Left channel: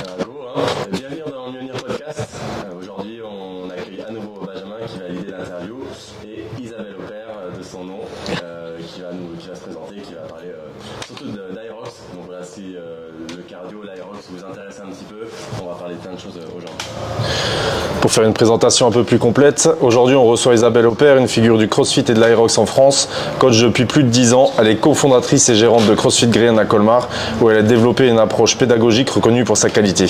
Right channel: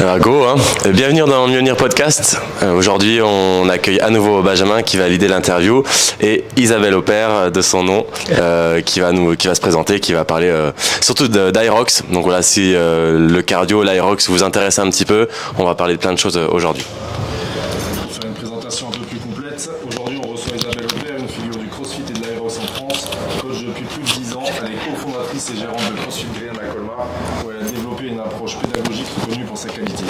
Go, hein. Bienvenue dans Mjolnir Podcast. Aujourd'hui, on accueille à nouveau Benjamin qui va leader l'interview et Isabelle Aupert de son nom qui va se présenter, qui va parler surtout d'Aerox. Donc voilà, si le cardio, l'Aerox vous intéresse un petit peu, on va parler de plein de choses aujourd'hui. Pour faire une présentation un peu plus complète, aujourd'hui on reçoit Isabelle Aupert, une figure du CrossFit et de l'Aerox en France. Coach depuis plus de 10 ans, elle est cofondatrice et gérante de CrossFit Green à Colmar, où elle a développé une approche pédagogique reconnue pour sa qualité.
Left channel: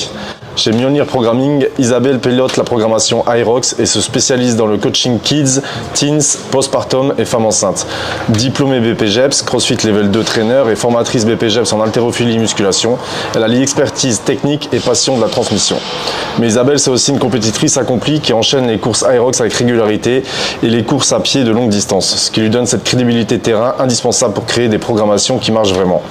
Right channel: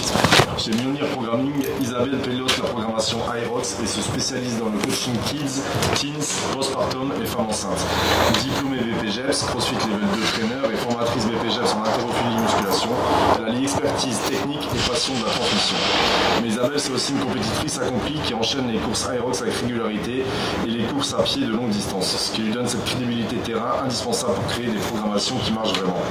Chez Mjolnir Programming, Isabelle pilote la programmation Aerox et se spécialise dans le coaching kids, teens, postpartum et femmes enceintes. Diplômée BPGEPS, CrossFit Level 2 trainer et formatrice BPGEPS en haltérophilie musculation, elle allie expertise technique et passion de la transmission. Mais Isabelle, c'est aussi une compétitrice accomplie qui enchaîne les courses Aerox avec régularité et les courses à pied de longue distance, ce qui lui donne cette crédibilité terrain indispensable pour créer des programmations qui marchent vraiment.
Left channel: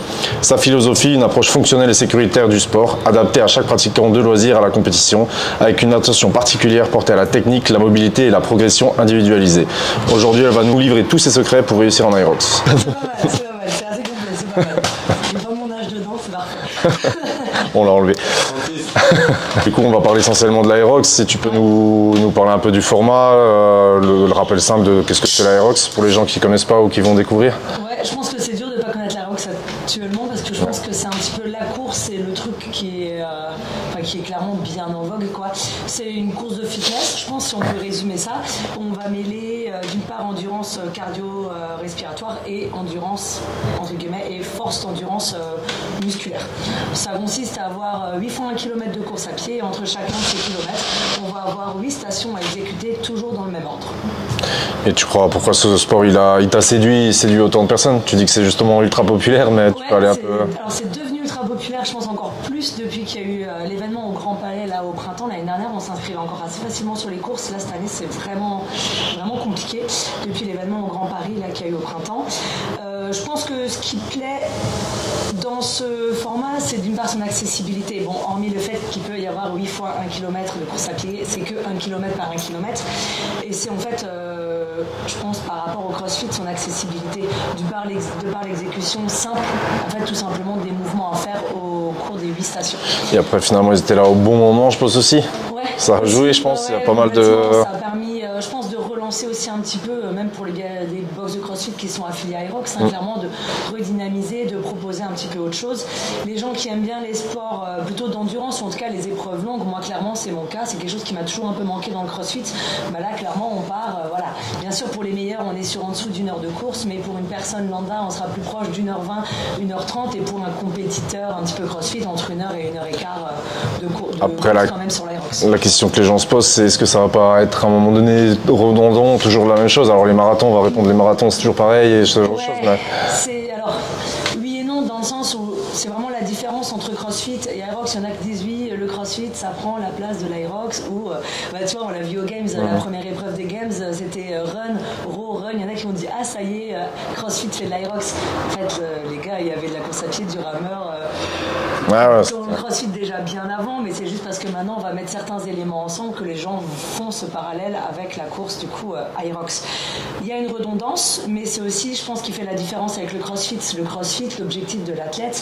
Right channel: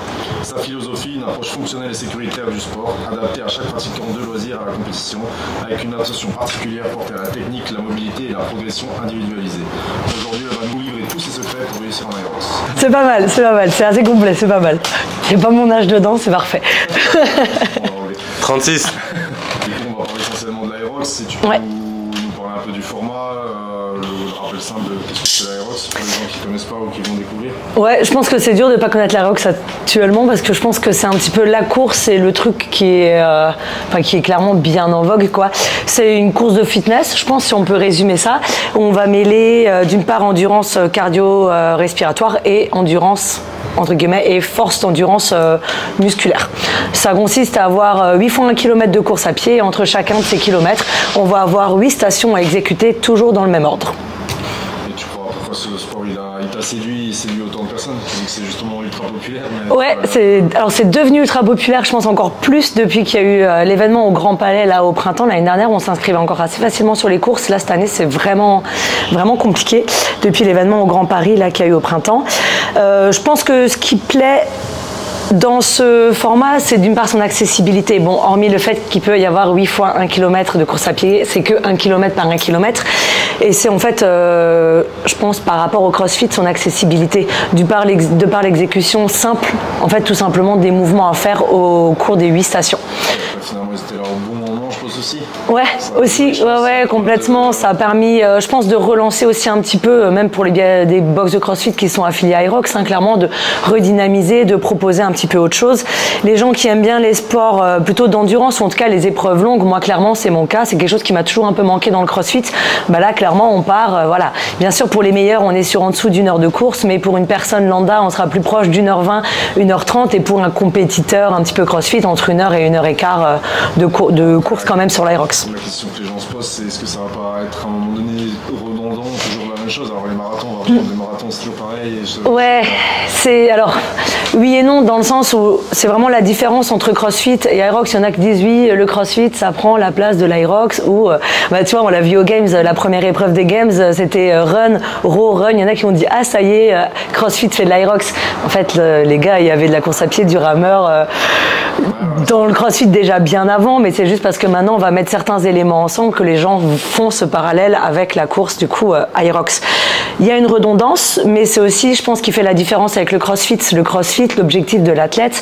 Sa philosophie, une approche fonctionnelle et sécuritaire du sport, adaptée à chaque pratiquant de loisirs à la compétition, avec une attention particulière portée à la technique, la mobilité et la progression individualisée. Aujourd'hui, elle va nous livrer tous ses secrets pour réussir en Aerox. C'est pas mal, c'est assez complet, c'est pas mal. J'ai pas mon âge dedans, c'est parfait. On l'a enlevé. 36. Du coup, on va parler essentiellement de l'Aerox. Si tu peux nous parler un peu du format, le rappel simple de qu'est-ce que c'est l'Aerox pour les gens qui ne connaissent pas ou qui vont découvrir. Ouais, je pense que c'est dur de ne pas connaître l'Aerox actuellement parce que je pense que c'est un petit peu la course et le truc qui est clairement bien en vogue, quoi. C'est une course de fitness, je pense, si on peut résumer ça. On va mêler d'une part endurance cardio-respiratoire et endurance entre guillemets, et force d'endurance musculaire. Ça consiste à avoir 8 fois 1 km de course à pied. Entre chacun de ces kilomètres, on va avoir 8 stations à exécuter, toujours dans le même ordre. Et tu crois pourquoi ce sport il t'a séduit autant de personnes? Tu dis que c'est justement ultra populaire, mais ouais, alors c'est devenu ultra populaire, je pense encore plus depuis qu'il y a eu l'événement au Grand Palais là au printemps. L'année dernière, on s'inscrivait encore assez facilement sur les courses. Là cette année, c'est vraiment compliqué depuis l'événement au Grand Paris là qu'il y a eu au printemps. Je pense que ce qui plaît dans ce format, c'est d'une part son accessibilité. Bon, hormis le fait qu'il peut y avoir 8 fois 1 km de course à pied, c'est que 1 km par 1 km. Et c'est en fait, je pense, par rapport au CrossFit, son accessibilité. De par l'exécution simple, en fait, tout simplement des mouvements à faire au cours des 8 stations. Et après, finalement, ils étaient là au bon moment, je pense aussi. Ouais, ça a aussi, joué, je pense, ouais, complètement. Ça a permis, je pense, de relancer aussi un petit peu, même pour des box de CrossFit qui sont affiliés à Aerox, clairement, de redynamiser, de proposer un petit peu autre chose. Les gens qui aiment bien les sports plutôt d'endurance, ou en tout cas les épreuves longues, moi clairement c'est mon cas, c'est quelque chose qui m'a toujours un peu manqué dans le CrossFit. Bah là clairement on part, voilà. Bien sûr pour les meilleurs on est sur en dessous d'1 heure de course, mais pour une personne lambda on sera plus proche d'1h20, 1h30, et pour un compétiteur un petit peu CrossFit entre 1 heure et 1h15 de course quand même sur l'Aerox. La question que les gens se posent, c'est est-ce que ça va pas être à un moment donné redondant, toujours la même chose? Alors les marathons, on va répondre les marathons c'est toujours pareil et ouais, c'est alors oui et non dans le sens où c'est vraiment la différence entre CrossFit et Aerox. Il y en a qui disent oui, le CrossFit ça prend la place de l'Aerox, ou tu vois on l'a vu aux Games, la première épreuve des Games c'était run, row, run. Il y en a qui ont dit ah ça y est, CrossFit fait de l'Aerox. En fait les gars, il y avait de la course à pied, du rameur dans le CrossFit déjà bien avant, mais c'est juste parce que maintenant on va mettre certains éléments ensemble que les gens font ce parallèle avec la course du coup Aerox. Il y a une redondance, mais c'est aussi je pense qui fait la différence avec le CrossFit. Le CrossFit, l'objectif de l'athlète,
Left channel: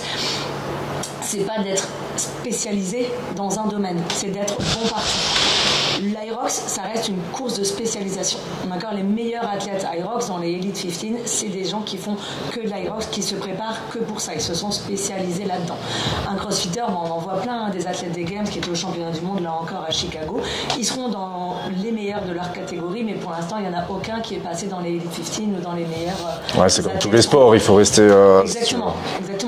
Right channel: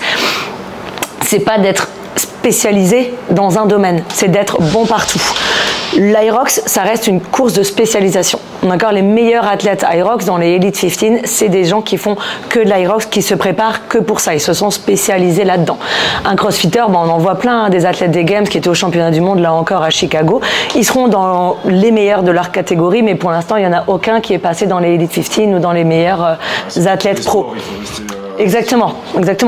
c'est pas d'être spécialisé dans un domaine, c'est d'être bon partout. L'Aerox, ça reste une course de spécialisation. D'accord, les meilleurs athlètes Aerox dans les Elite 15, c'est des gens qui font que de l'Aerox, qui se préparent que pour ça. Ils se sont spécialisés là-dedans. Un crossfitter, on en voit plein, des athlètes des Games qui étaient au championnat du monde, là encore à Chicago. Ils seront dans les meilleurs de leur catégorie, mais pour l'instant, il n'y en a aucun qui est passé dans les Elite 15 ou dans les meilleurs athlètes pro. Sports, il faut rester... Exactement.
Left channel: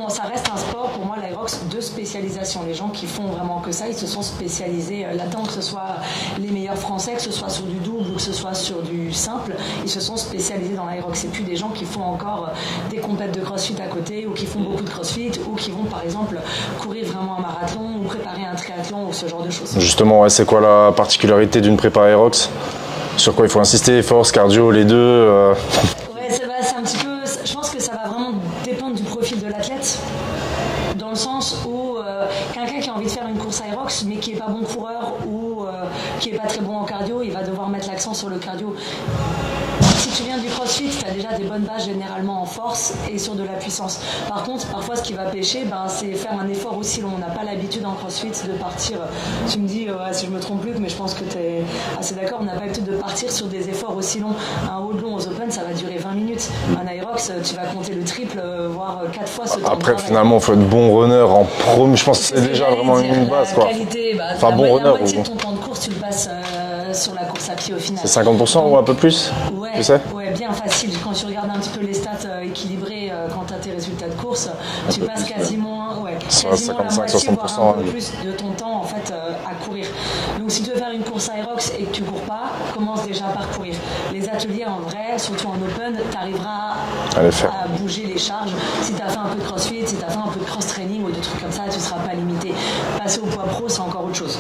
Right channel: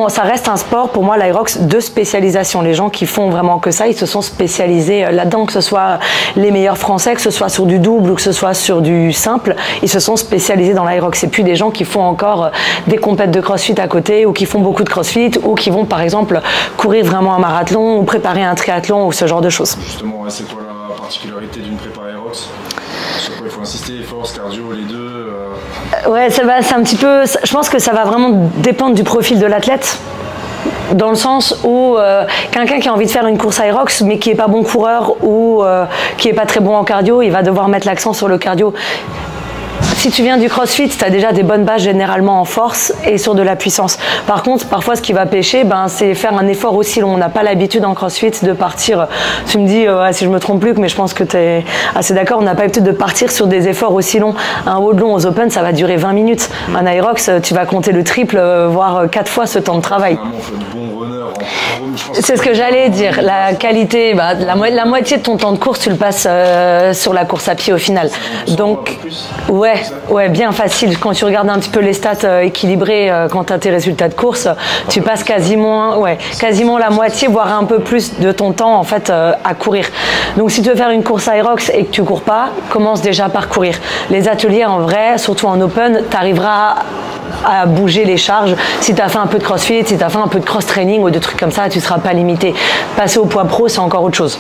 Ça reste un sport, pour moi, l'Aerox, de spécialisation. Les gens qui font vraiment que ça, ils se sont spécialisés là-dedans, que ce soit les meilleurs français, que ce soit sur du double ou que ce soit sur du simple, ils se sont spécialisés dans l'Aerox. C'est plus des gens qui font encore des compètes de CrossFit à côté, ou qui font beaucoup de CrossFit, ou qui vont par exemple courir vraiment un marathon ou préparer un triathlon ou ce genre de choses. Justement, c'est quoi la particularité d'une prépa Aerox? Sur quoi il faut insister? Force, cardio, les deux Ouais, c'est un petit peu... Je pense que ça va vraiment dépendre du profil de l'athlète. Dans le sens où quelqu'un qui a envie de faire une course Aerox mais qui n'est pas bon coureur ou qui n'est pas très bon en cardio, il va devoir mettre l'accent sur le cardio. si tu viens du CrossFit, tu as déjà des bonnes bases généralement en force et sur de la puissance. Par contre, parfois, ce qui va pêcher, c'est faire un effort aussi long. On n'a pas l'habitude en CrossFit de partir, tu me dis, si je me trompe plus, mais je pense que tu es assez d'accord, on n'a pas l'habitude de partir sur des efforts aussi longs. Un hold long aux Open, ça va durer 20 minutes. Un Aerox, tu vas compter le triple, voire 4 fois ce temps de travail. Finalement, il faut être bon runner en pro, je pense. C'est ce que j'allais dire. La qualité, la moitié de ton temps de course, tu le passes sur la course à pied au final. 50% donc, ou un peu plus? Ouais, bien facile. Quand tu regardes un petit peu les stats équilibrées, quand tu as tes résultats de course, tu passes quasiment la moitié, voire un peu plus de ton temps en fait à courir. Donc si tu veux faire une course Aerox et que tu cours pas, commence déjà par courir. Les ateliers en vrai, surtout en open, tu arriveras à bouger les charges. Si tu as fait un peu de crossfit, si tu as fait un peu de cross-training ou de trucs comme ça, tu ne seras pas limité. Passer au poids pro, c'est encore autre chose.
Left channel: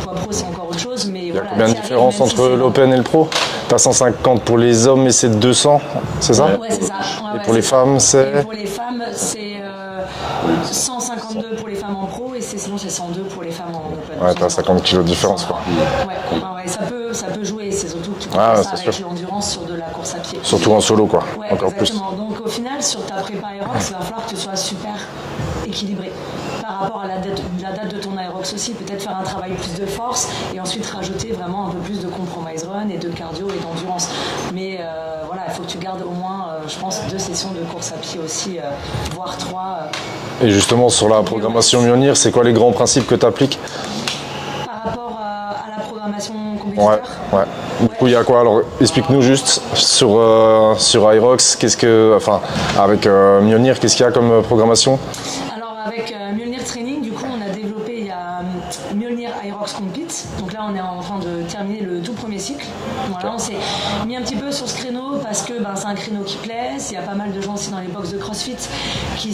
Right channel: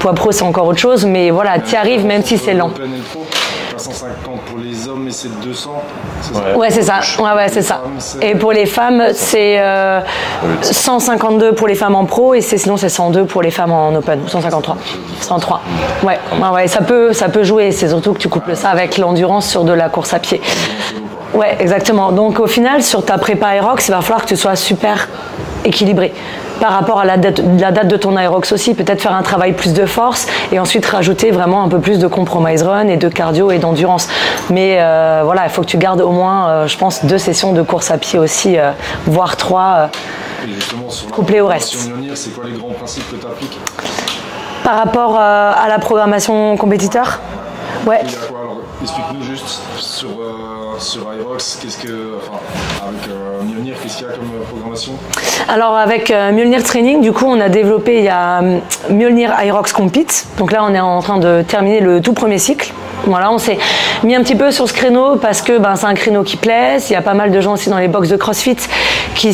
Poids pro, c'est encore autre chose, mais voilà, tu y arrives même si c'est lent. L'open et le pro, tu as 150 pour les hommes et c'est 200, c'est ça? Ouais, c'est ça. Ouais, c'est ça. Et pour les femmes, c'est 152 pour les femmes en pro et sinon c'est 102 pour les femmes en open. 153. 103. Ouais, ça peut jouer. C'est surtout que tu couples ça avec l'endurance sur de la course à pied. Surtout en solo, quoi. Ouais, exactement. Donc au final, sur ta prépa Aerox, il va falloir que tu sois super équilibré. Par rapport à la date de ton Aerox aussi, peut-être faire un travail plus de force et ensuite rajouter vraiment un peu plus de compromise run et de cardio et d'endurance. Mais voilà, il faut que tu gardes au moins, je pense, 2 sessions de course à pied aussi, voire 3. Et justement, sur la programmation Mjolnir, c'est quoi les grands principes que tu appliques? Par rapport à la programmation compétiteur? Ouais. Du coup, il y a quoi? Alors, explique-nous juste sur Aerox, avec Mjolnir, qu'est-ce qu'il y a comme programmation? Alors, avec Mjolnir Training, du coup, on a développé, il y a Mjolnir Aerox Compete. Donc là, on est en train de terminer le tout premier cycle. Voilà, on s'est mis un petit peu sur ce créneau parce que c'est un créneau qui plaise. Il y a pas mal de gens aussi dans les box de CrossFit qui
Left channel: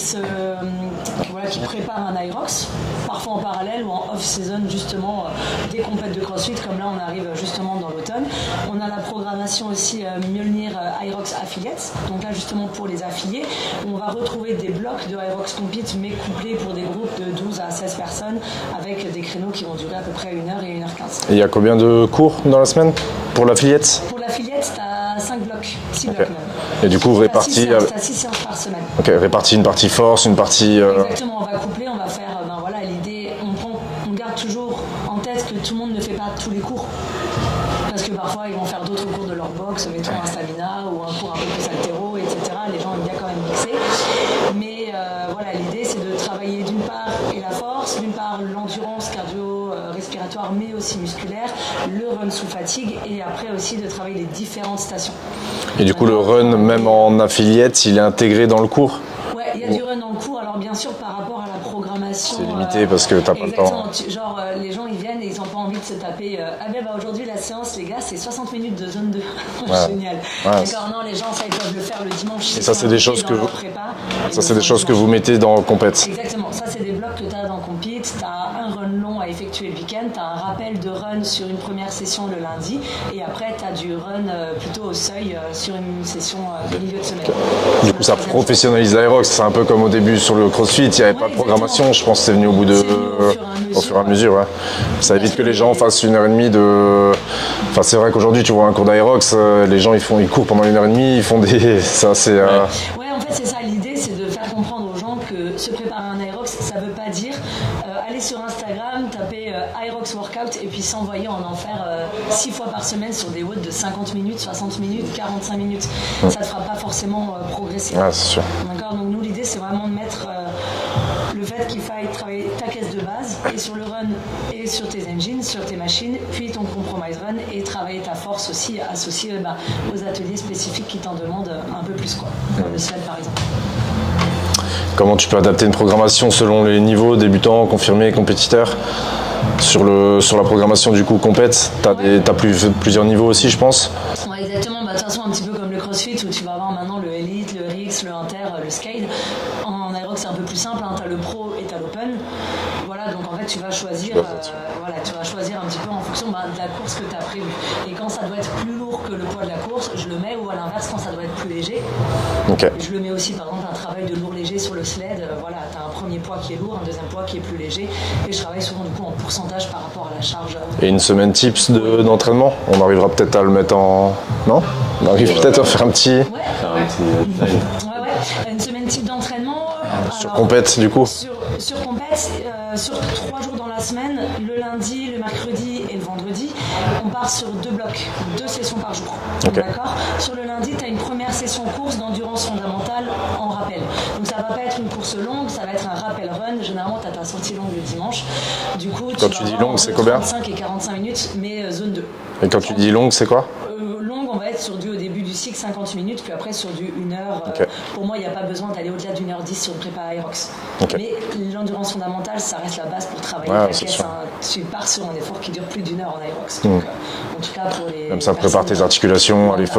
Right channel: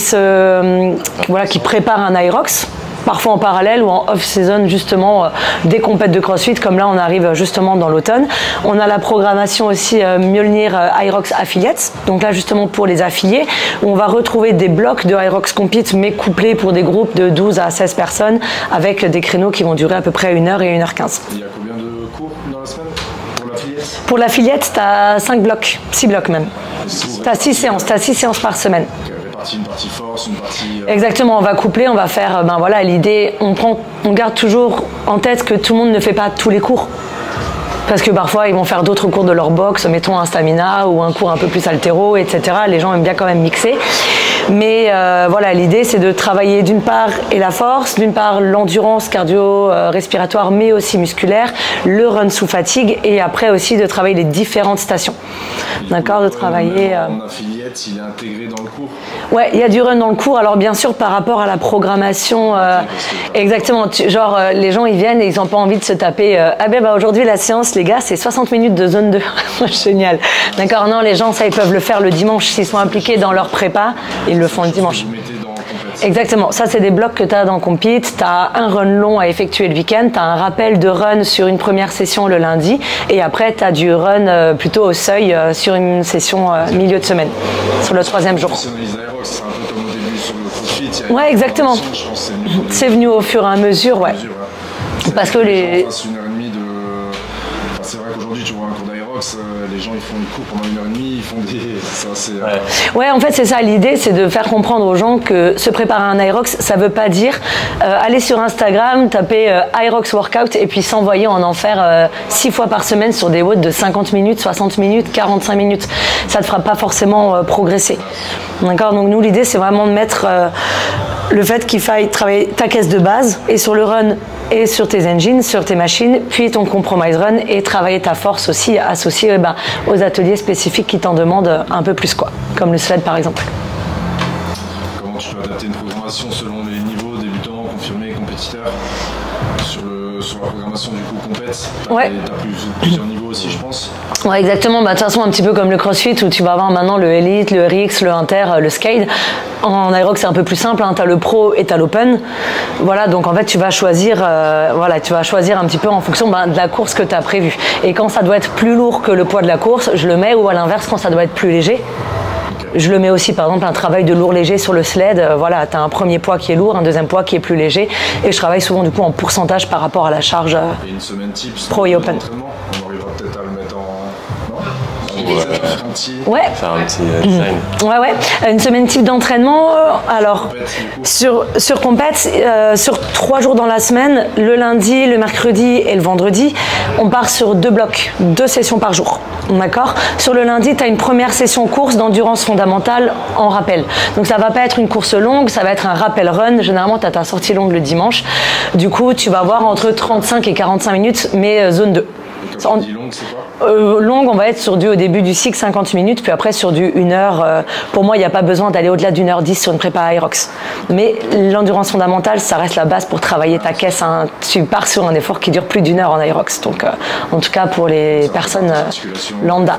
préparent un Aerox. Parfois en parallèle ou en off-season justement des compètes de CrossFit, comme là on arrive justement dans l'automne. On a la programmation aussi Mjolnir Aerox Affiliates, donc là justement pour les affiliés, où on va retrouver des blocs de Aerox Compete mais couplés pour des groupes de 12 à 16 personnes avec des créneaux qui vont durer à peu près 1h et 1h15. Et il y a combien de cours dans la semaine pour l'affiliate? Pour l'affiliate, tu as 5 blocs, 6 blocs même. Et du coup, tu as 6 séances par semaine. Ok, répartie une partie force, une partie... Exactement, on va coupler, on va faire, l'idée, on garde toujours en tête que tout le monde ne fait pas tous les cours. Parce que parfois, ils vont faire d'autres cours de leur box, mettons un stamina ou un cours un peu plus haltéro, etc. Les gens aiment bien quand même mixer. Mais l'idée, c'est de travailler d'une part la force, d'une part l'endurance cardio-respiratoire, mais aussi musculaire, le run sous fatigue, et après aussi de travailler les différentes stations. Et du coup, le run, même en affiliate, il est intégré dans le cours? Ouais, il y a du run dans le cours. Alors bien sûr, par rapport à la programmation, parce que exactement. Les gens ils viennent et ils n'ont pas envie de se taper. Aujourd'hui la séance, les gars, c'est 60 minutes de zone 2. Génial. Ouais, d'accord. Non, les gens ça ils peuvent le faire le dimanche s'ils sont impliqués dans leur prépa. Ils le font le dimanche. C'est des choses que vous mettez dans le compète. Exactement. Ça c'est des blocs que tu as dans le compete. Tu as un run long à effectuer le week-end. Tu as un rappel de run sur une première session le lundi et après tu as du run plutôt au seuil sur une session milieu de semaine sur le 3e jour. C'est un peu comme au début sur le CrossFit, il y avait pas de programmation, je pense que c'est venu au bout de... C'est venu au fur et à mesure, Ça évite que les gens fassent 1h30 de... Enfin, c'est vrai qu'aujourd'hui, tu vois un cours d'Aerox, les gens ils courent pendant 1h30, ils font des... Ouais, en fait, c'est ça. L'idée, c'est de faire comprendre aux gens que se préparer à un Aerox, ça veut pas dire aller sur Instagram, taper Aerox Workout et puis s'envoyer en faire 6 fois par semaine sur des WOD de 50 minutes, 60 minutes, 45 minutes. Ça te fera pas forcément progresser. C'est sûr. D'accord. Donc nous, l'idée, c'est vraiment de mettre le fait qu'il faille travailler ta caisse de base et sur le run et sur tes engines, sur tes machines, puis ton compromise run et travailler ta force aussi associée aux ateliers spécifiques qui t'en demandent un peu plus, comme le sled par exemple. Comment tu peux adapter une programmation selon les niveaux, débutants, confirmés, compétiteurs? Sur la programmation du coup compète, tu as plusieurs niveaux aussi, je pense. Ouais, exactement. De toute façon, un petit peu comme le CrossFit où tu vas avoir maintenant le Elite, le RX, le Inter, le Scale. En Aerox, c'est un peu plus simple. Tu as le Pro et tu as l'Open. Voilà, donc en fait, tu vas choisir un petit peu en fonction de la course que tu as prévue. Et quand ça doit être plus lourd que le poids de la course, je le mets, ou à l'inverse, quand ça doit être plus léger. Okay. Je le mets aussi, par exemple, un travail de lourd-léger sur le sled. Tu as un premier poids qui est lourd, un deuxième poids qui est plus léger. Et je travaille souvent du coup en pourcentage par rapport à la charge. Et une semaine tips d'entraînement, on arrivera peut-être à le mettre en... Non ? On arrive peut-être à faire un petit... Ouais. Faire un petit design. Ouais. Une semaine type d'entraînement. Alors, compète, du coup. Sur compète, sur 3 jours dans la semaine, le lundi, le mercredi et le vendredi, on part sur 2 blocs, 2 sessions par jour. Okay. D'accord. Sur le lundi, tu as une première session course d'endurance fondamentale en rappel. Donc ça va pas être une course longue, ça va être un rappel run. Généralement, tu as ta sortie longue le dimanche. Du coup, tu vas avoir entre 35 et 45 minutes, mais zone 2. Et quand tu dis longue, c'est quoi? Longue, on va être sur au début du cycle 50 minutes, puis après sur du 1 heure. Okay. Pour moi, il n'y a pas besoin d'aller au-delà d'1h10 sur une prépa Aerox. Okay. Mais l'endurance fondamentale, ça reste la base pour travailler ta caisse. Hein. Tu pars sur un effort qui dure plus d'1 heure en Aerox. Donc, en tout cas, pour les personnes tes articulations, lambda.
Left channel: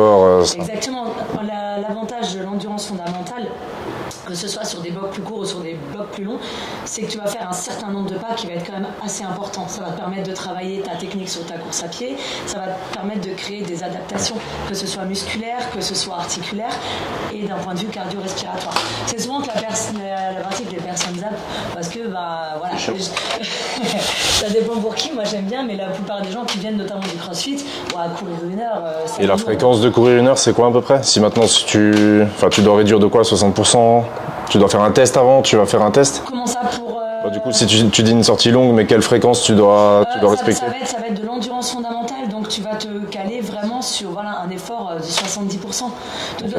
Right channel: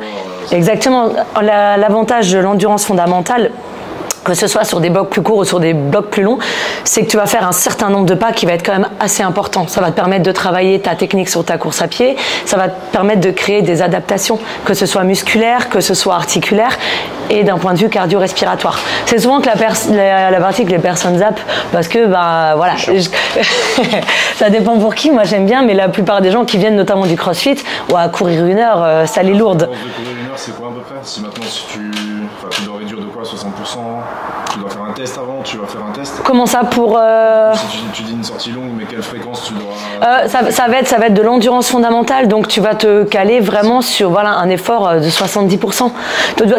Exactement. L'avantage de l'endurance fondamentale, que ce soit sur des blocs plus courts ou sur des blocs plus longs, c'est que tu vas faire un certain nombre de pas qui va être quand même assez important. Ça va te permettre de travailler ta technique sur ta course à pied, ça va te permettre de créer des adaptations, que ce soit musculaire, que ce soit articulaire et d'un point de vue cardio-respiratoire. C'est souvent que la partie que les personnes zappent parce que, voilà, ça dépend pour qui, moi j'aime bien, mais la plupart des gens qui viennent notamment du crossfit, à courir 1 heure, ça l'est lourde. La fréquence de courir 1 heure, c'est quoi à peu près? Si maintenant, tu dois réduire de quoi, 60%? Tu dois faire un test avant, tu vas faire un test? Comment ça pour... Du coup, si tu dis une sortie longue, mais quelle fréquence tu dois ça va être de l'endurance fondamentale, donc tu vas te caler vraiment sur un effort de 70%.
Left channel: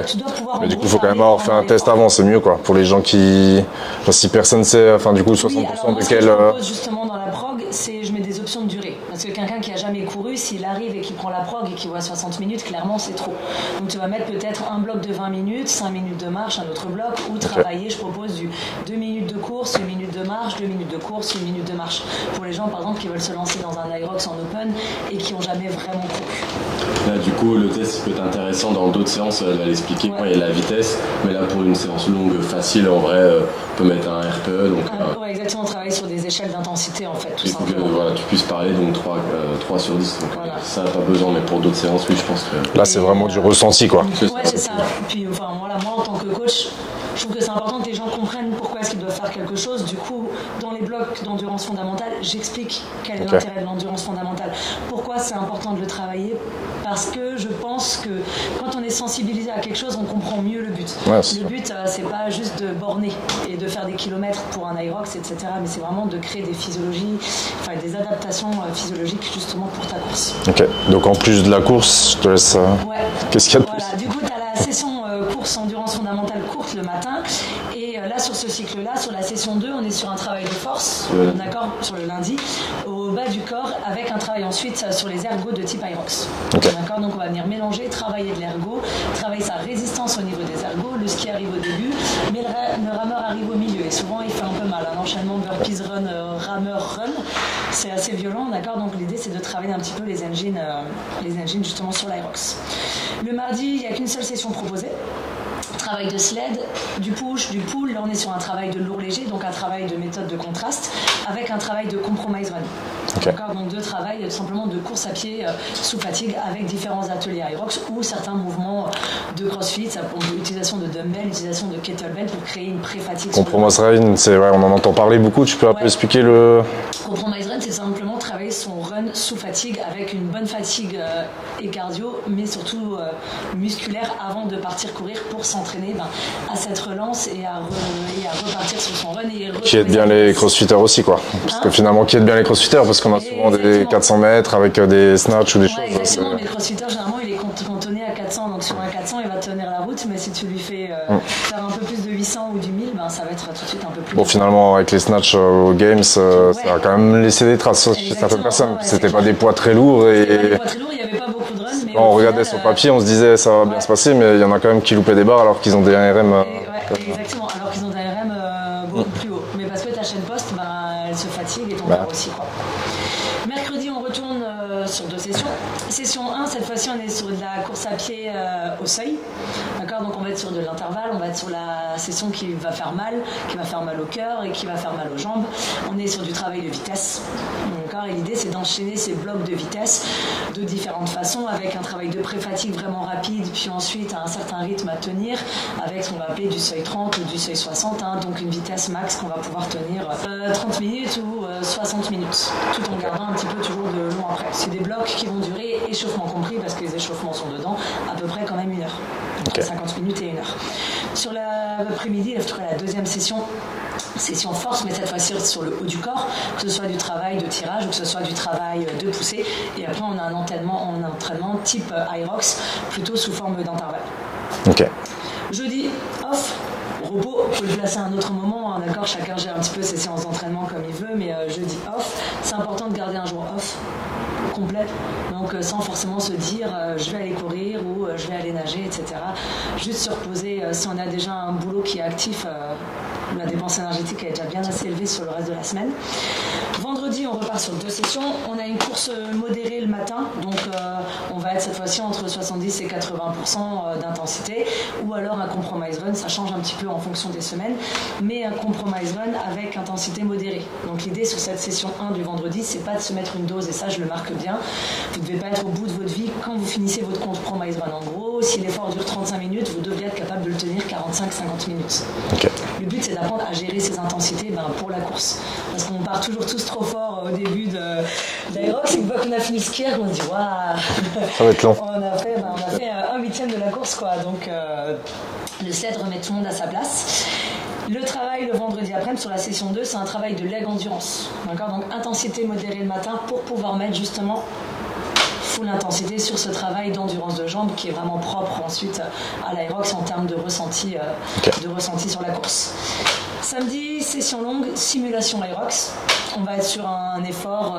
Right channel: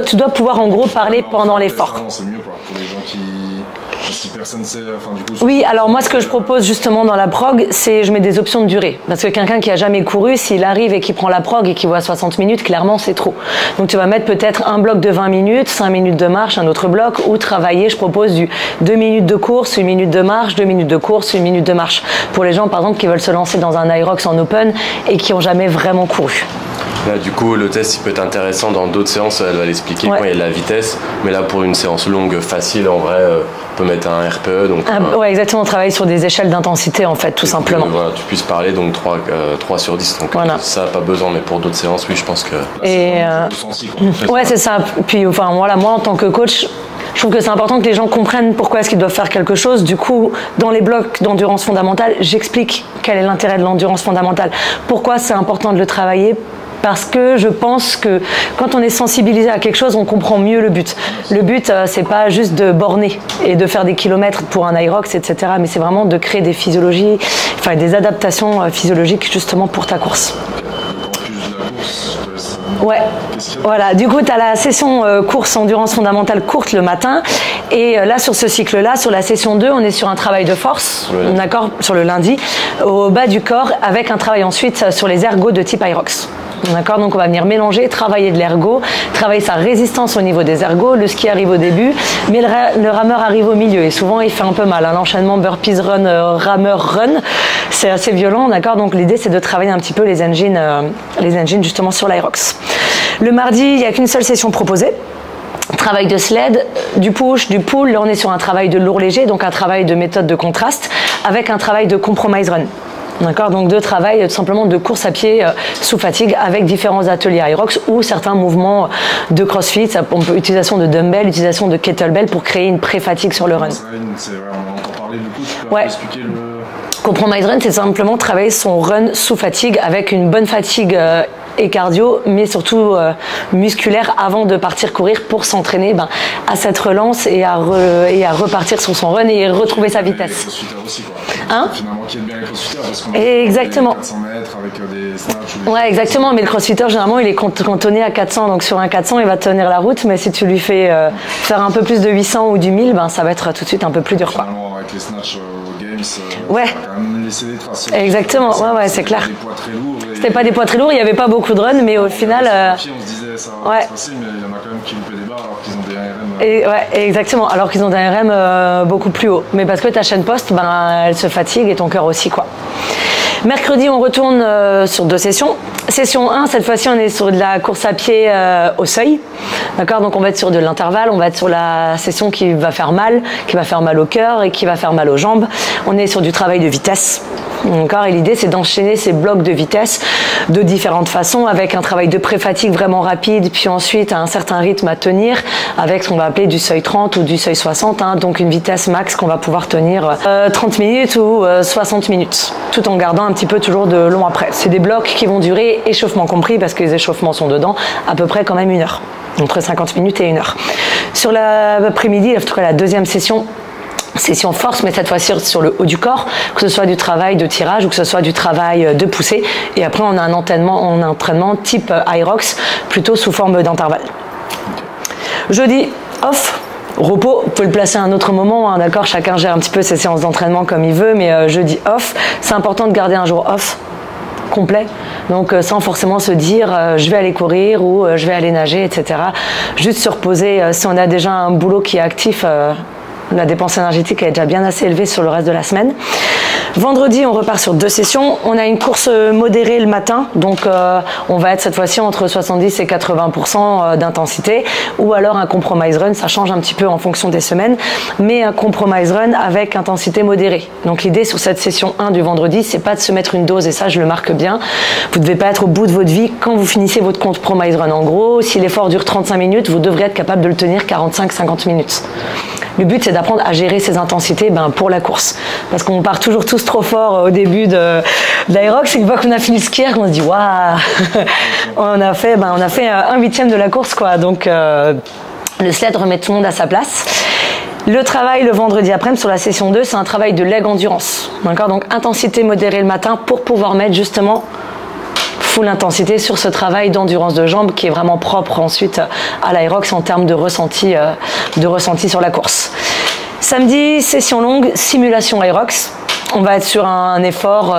Tu dois pouvoir en gros parler pendant l'effort. Un test avant, c'est mieux quoi, pour les gens qui... Enfin, si personne sait, du coup... Oui, alors moi ce que je propose justement dans la prog, c'est je mets des options de durée. Parce que quelqu'un qui a jamais couru, s'il arrive et qui prend la prog et qui voit 60 minutes, clairement c'est trop. Donc tu vas mettre peut-être un bloc de 20 minutes, 5 minutes de marche, un autre bloc, ou travailler. Je propose du 2 minutes de course, 1 minute de marche, 2 minutes de course, 1 minute de marche. Pour les gens, par exemple, qui veulent se lancer dans un Aerox en open et qui n'ont jamais vraiment couru. Là, du coup, le test, il peut être intéressant dans d'autres séances. Elle va l'expliquer quand il y a de la vitesse. Mais là, pour une séance longue, facile, en vrai, on peut mettre un RPE. Donc, ouais, exactement. On travaille sur des échelles d'intensité, en fait, tout simplement. Voilà, tu puisses parler, donc 3 sur 10. Donc, ça, pas besoin. Mais pour d'autres séances, oui, je pense que... Là, c'est vraiment du ressenti, quoi. Ouais, c'est ça. Puis, moi, en tant que coach... Je trouve que c'est important que les gens comprennent pourquoi est-ce qu'ils doivent faire quelque chose. Du coup, dans les blocs d'endurance fondamentale, j'explique quel est l'intérêt de l'endurance fondamentale. Pourquoi c'est important de le travailler. Parce que je pense que quand on est sensibilisé à quelque chose, on comprend mieux le but. Ouais, le but, c'est pas juste de borner et de faire des kilomètres pour un Aerox, etc. Mais c'est vraiment de créer des physiologies, des adaptations physiologiques justement pour ta course. Ok. Donc en plus de la course, je te laisse. Ouais. Qu'est-ce qu'il y a de Voilà. Du coup, tu as la session course endurance fondamentale courte le matin. Et là, sur ce cycle-là, sur la session 2, on est sur un travail de force, d'accord, sur le lundi, au bas du corps, avec un travail ensuite sur les ergos de type Aerox. Okay. D'accord, donc on va venir mélanger, travailler de l'ergo, travailler sa résistance au niveau des ergos. Le ski arrive au début, mais le rameur arrive au milieu et souvent il fait un peu mal. L'enchaînement burpees run, rameur run, c'est assez violent, d'accord. Donc l'idée c'est de travailler un petit peu les engines justement sur l'Aerox. Le mardi, il n'y a qu'une seule session proposée. Travail de sled, du push, du pull. Là on est sur un travail de lourd léger, donc un travail de méthode de contraste avec un travail de compromise run. D'accord, donc de travail tout simplement de course à pied sous fatigue avec différents ateliers Aerox ou certains mouvements de crossfit, utilisation de dumbbell, utilisation de kettlebell pour créer une pré-fatigue sur le run. On en entend parler beaucoup, tu peux un peu expliquer le... Compromise run, c'est simplement travailler son run sous fatigue avec une bonne fatigue et cardio, mais surtout musculaire avant de partir courir pour s'entraîner à cette relance et à repartir sur son run et retrouver sa vitesse. Les crossfitters aussi quoi. Parce que finalement, qui aide bien les crossfitters parce qu'on a souvent des 400 mètres avec des snatchs ou des choses. Ouais, exactement, mais le crossfitter généralement il est cantonné à 400, donc sur un 400 il va tenir la route, mais si tu lui fais faire un peu plus de 800 ou du 1000, ça va être tout de suite un peu plus dur. Finalement, avec les snatchs aux Games, ça va quand même laisser des traces. Exactement, c'est clair. C'était pas des poids très lourds. C'était pas des poids très lourds, il n'y avait pas beaucoup de run, mais au final. Sur papier, on se disait ça va bien se passer, mais il y en a quand même qui loupaient des barres alors qu'ils ont des ARM. Exactement, alors qu'ils ont des ARM beaucoup plus hauts. Mais parce que ta chaîne poste, elle se fatigue et ton cœur aussi, quoi. Mercredi, on retourne sur 2 sessions. Session 1, cette fois-ci, on est sur de la course à pied au seuil. D'accord, donc on va être sur de l'intervalle, on va être sur la session qui va faire mal au cœur et qui va faire mal aux jambes. On est sur du travail de vitesse. D'accord, et l'idée, c'est d'enchaîner ces blocs de vitesse de différentes façons avec un travail de pré-fatigue vraiment rapide, puis ensuite un certain rythme à tenir avec ce qu'on va appeler du seuil 30 ou du seuil 60, donc une vitesse max qu'on va pouvoir tenir 30 minutes ou 60 minutes, tout en gardant un petit peu toujours de long après. C'est des blocs qui vont durer et échauffement compris, parce que les échauffements sont dedans, à peu près quand même 1 heure. Entre 50 minutes et 1 heure. Sur l'après-midi, en tout cas la deuxième session force, mais cette fois-ci sur le haut du corps, que ce soit du travail de tirage ou que ce soit du travail de poussée. Et après, on a un entraînement type Hyrox, plutôt sous forme d'intervalle. Okay. Jeudi, off. Repos, on peut le placer à un autre moment, hein, d'accord. Chacun gère un petit peu ses séances d'entraînement comme il veut, mais jeudi off, c'est important de garder un jour off complet. Donc sans forcément se dire je vais aller courir ou je vais aller nager, etc. Juste se reposer. Si on a déjà un boulot qui est actif, la dépense énergétique est déjà bien assez élevée sur le reste de la semaine. Vendredi, on repart sur 2 sessions. On a une course modérée le matin, donc on va être cette fois-ci entre 70 et 80% d'intensité, ou alors un compromise run. Ça change un petit peu en fonction des semaines, mais un compromise run avec intensité modérée. Donc l'idée sur cette session 1 du vendredi, c'est pas de se mettre une dose, et ça je le marque bien. Vous devez pas être au bout de votre vie quand vous finissez votre compromise run. En gros, si l'effort dure 35 minutes, vous devrez être capable de le tenir 45-50 minutes. Okay. Le but, c'est d'apprendre à gérer ses intensités pour la course. Parce qu'on part toujours tous trop fort au début de l'Hyrox. Une fois qu'on a fini le skier, on se dit waouh, on a fait 1/8 de la course, quoi. Donc le sled remet tout le monde à sa place. Le travail le vendredi après-midi sur la session 2, c'est un travail de leg endurance. D'accord, donc intensité modérée le matin pour pouvoir mettre justement full intensité sur ce travail d'endurance de jambes qui est vraiment propre ensuite à l'Hyrox en termes de ressenti sur la course. Samedi, session longue, simulation Hyrox. On va être sur un effort,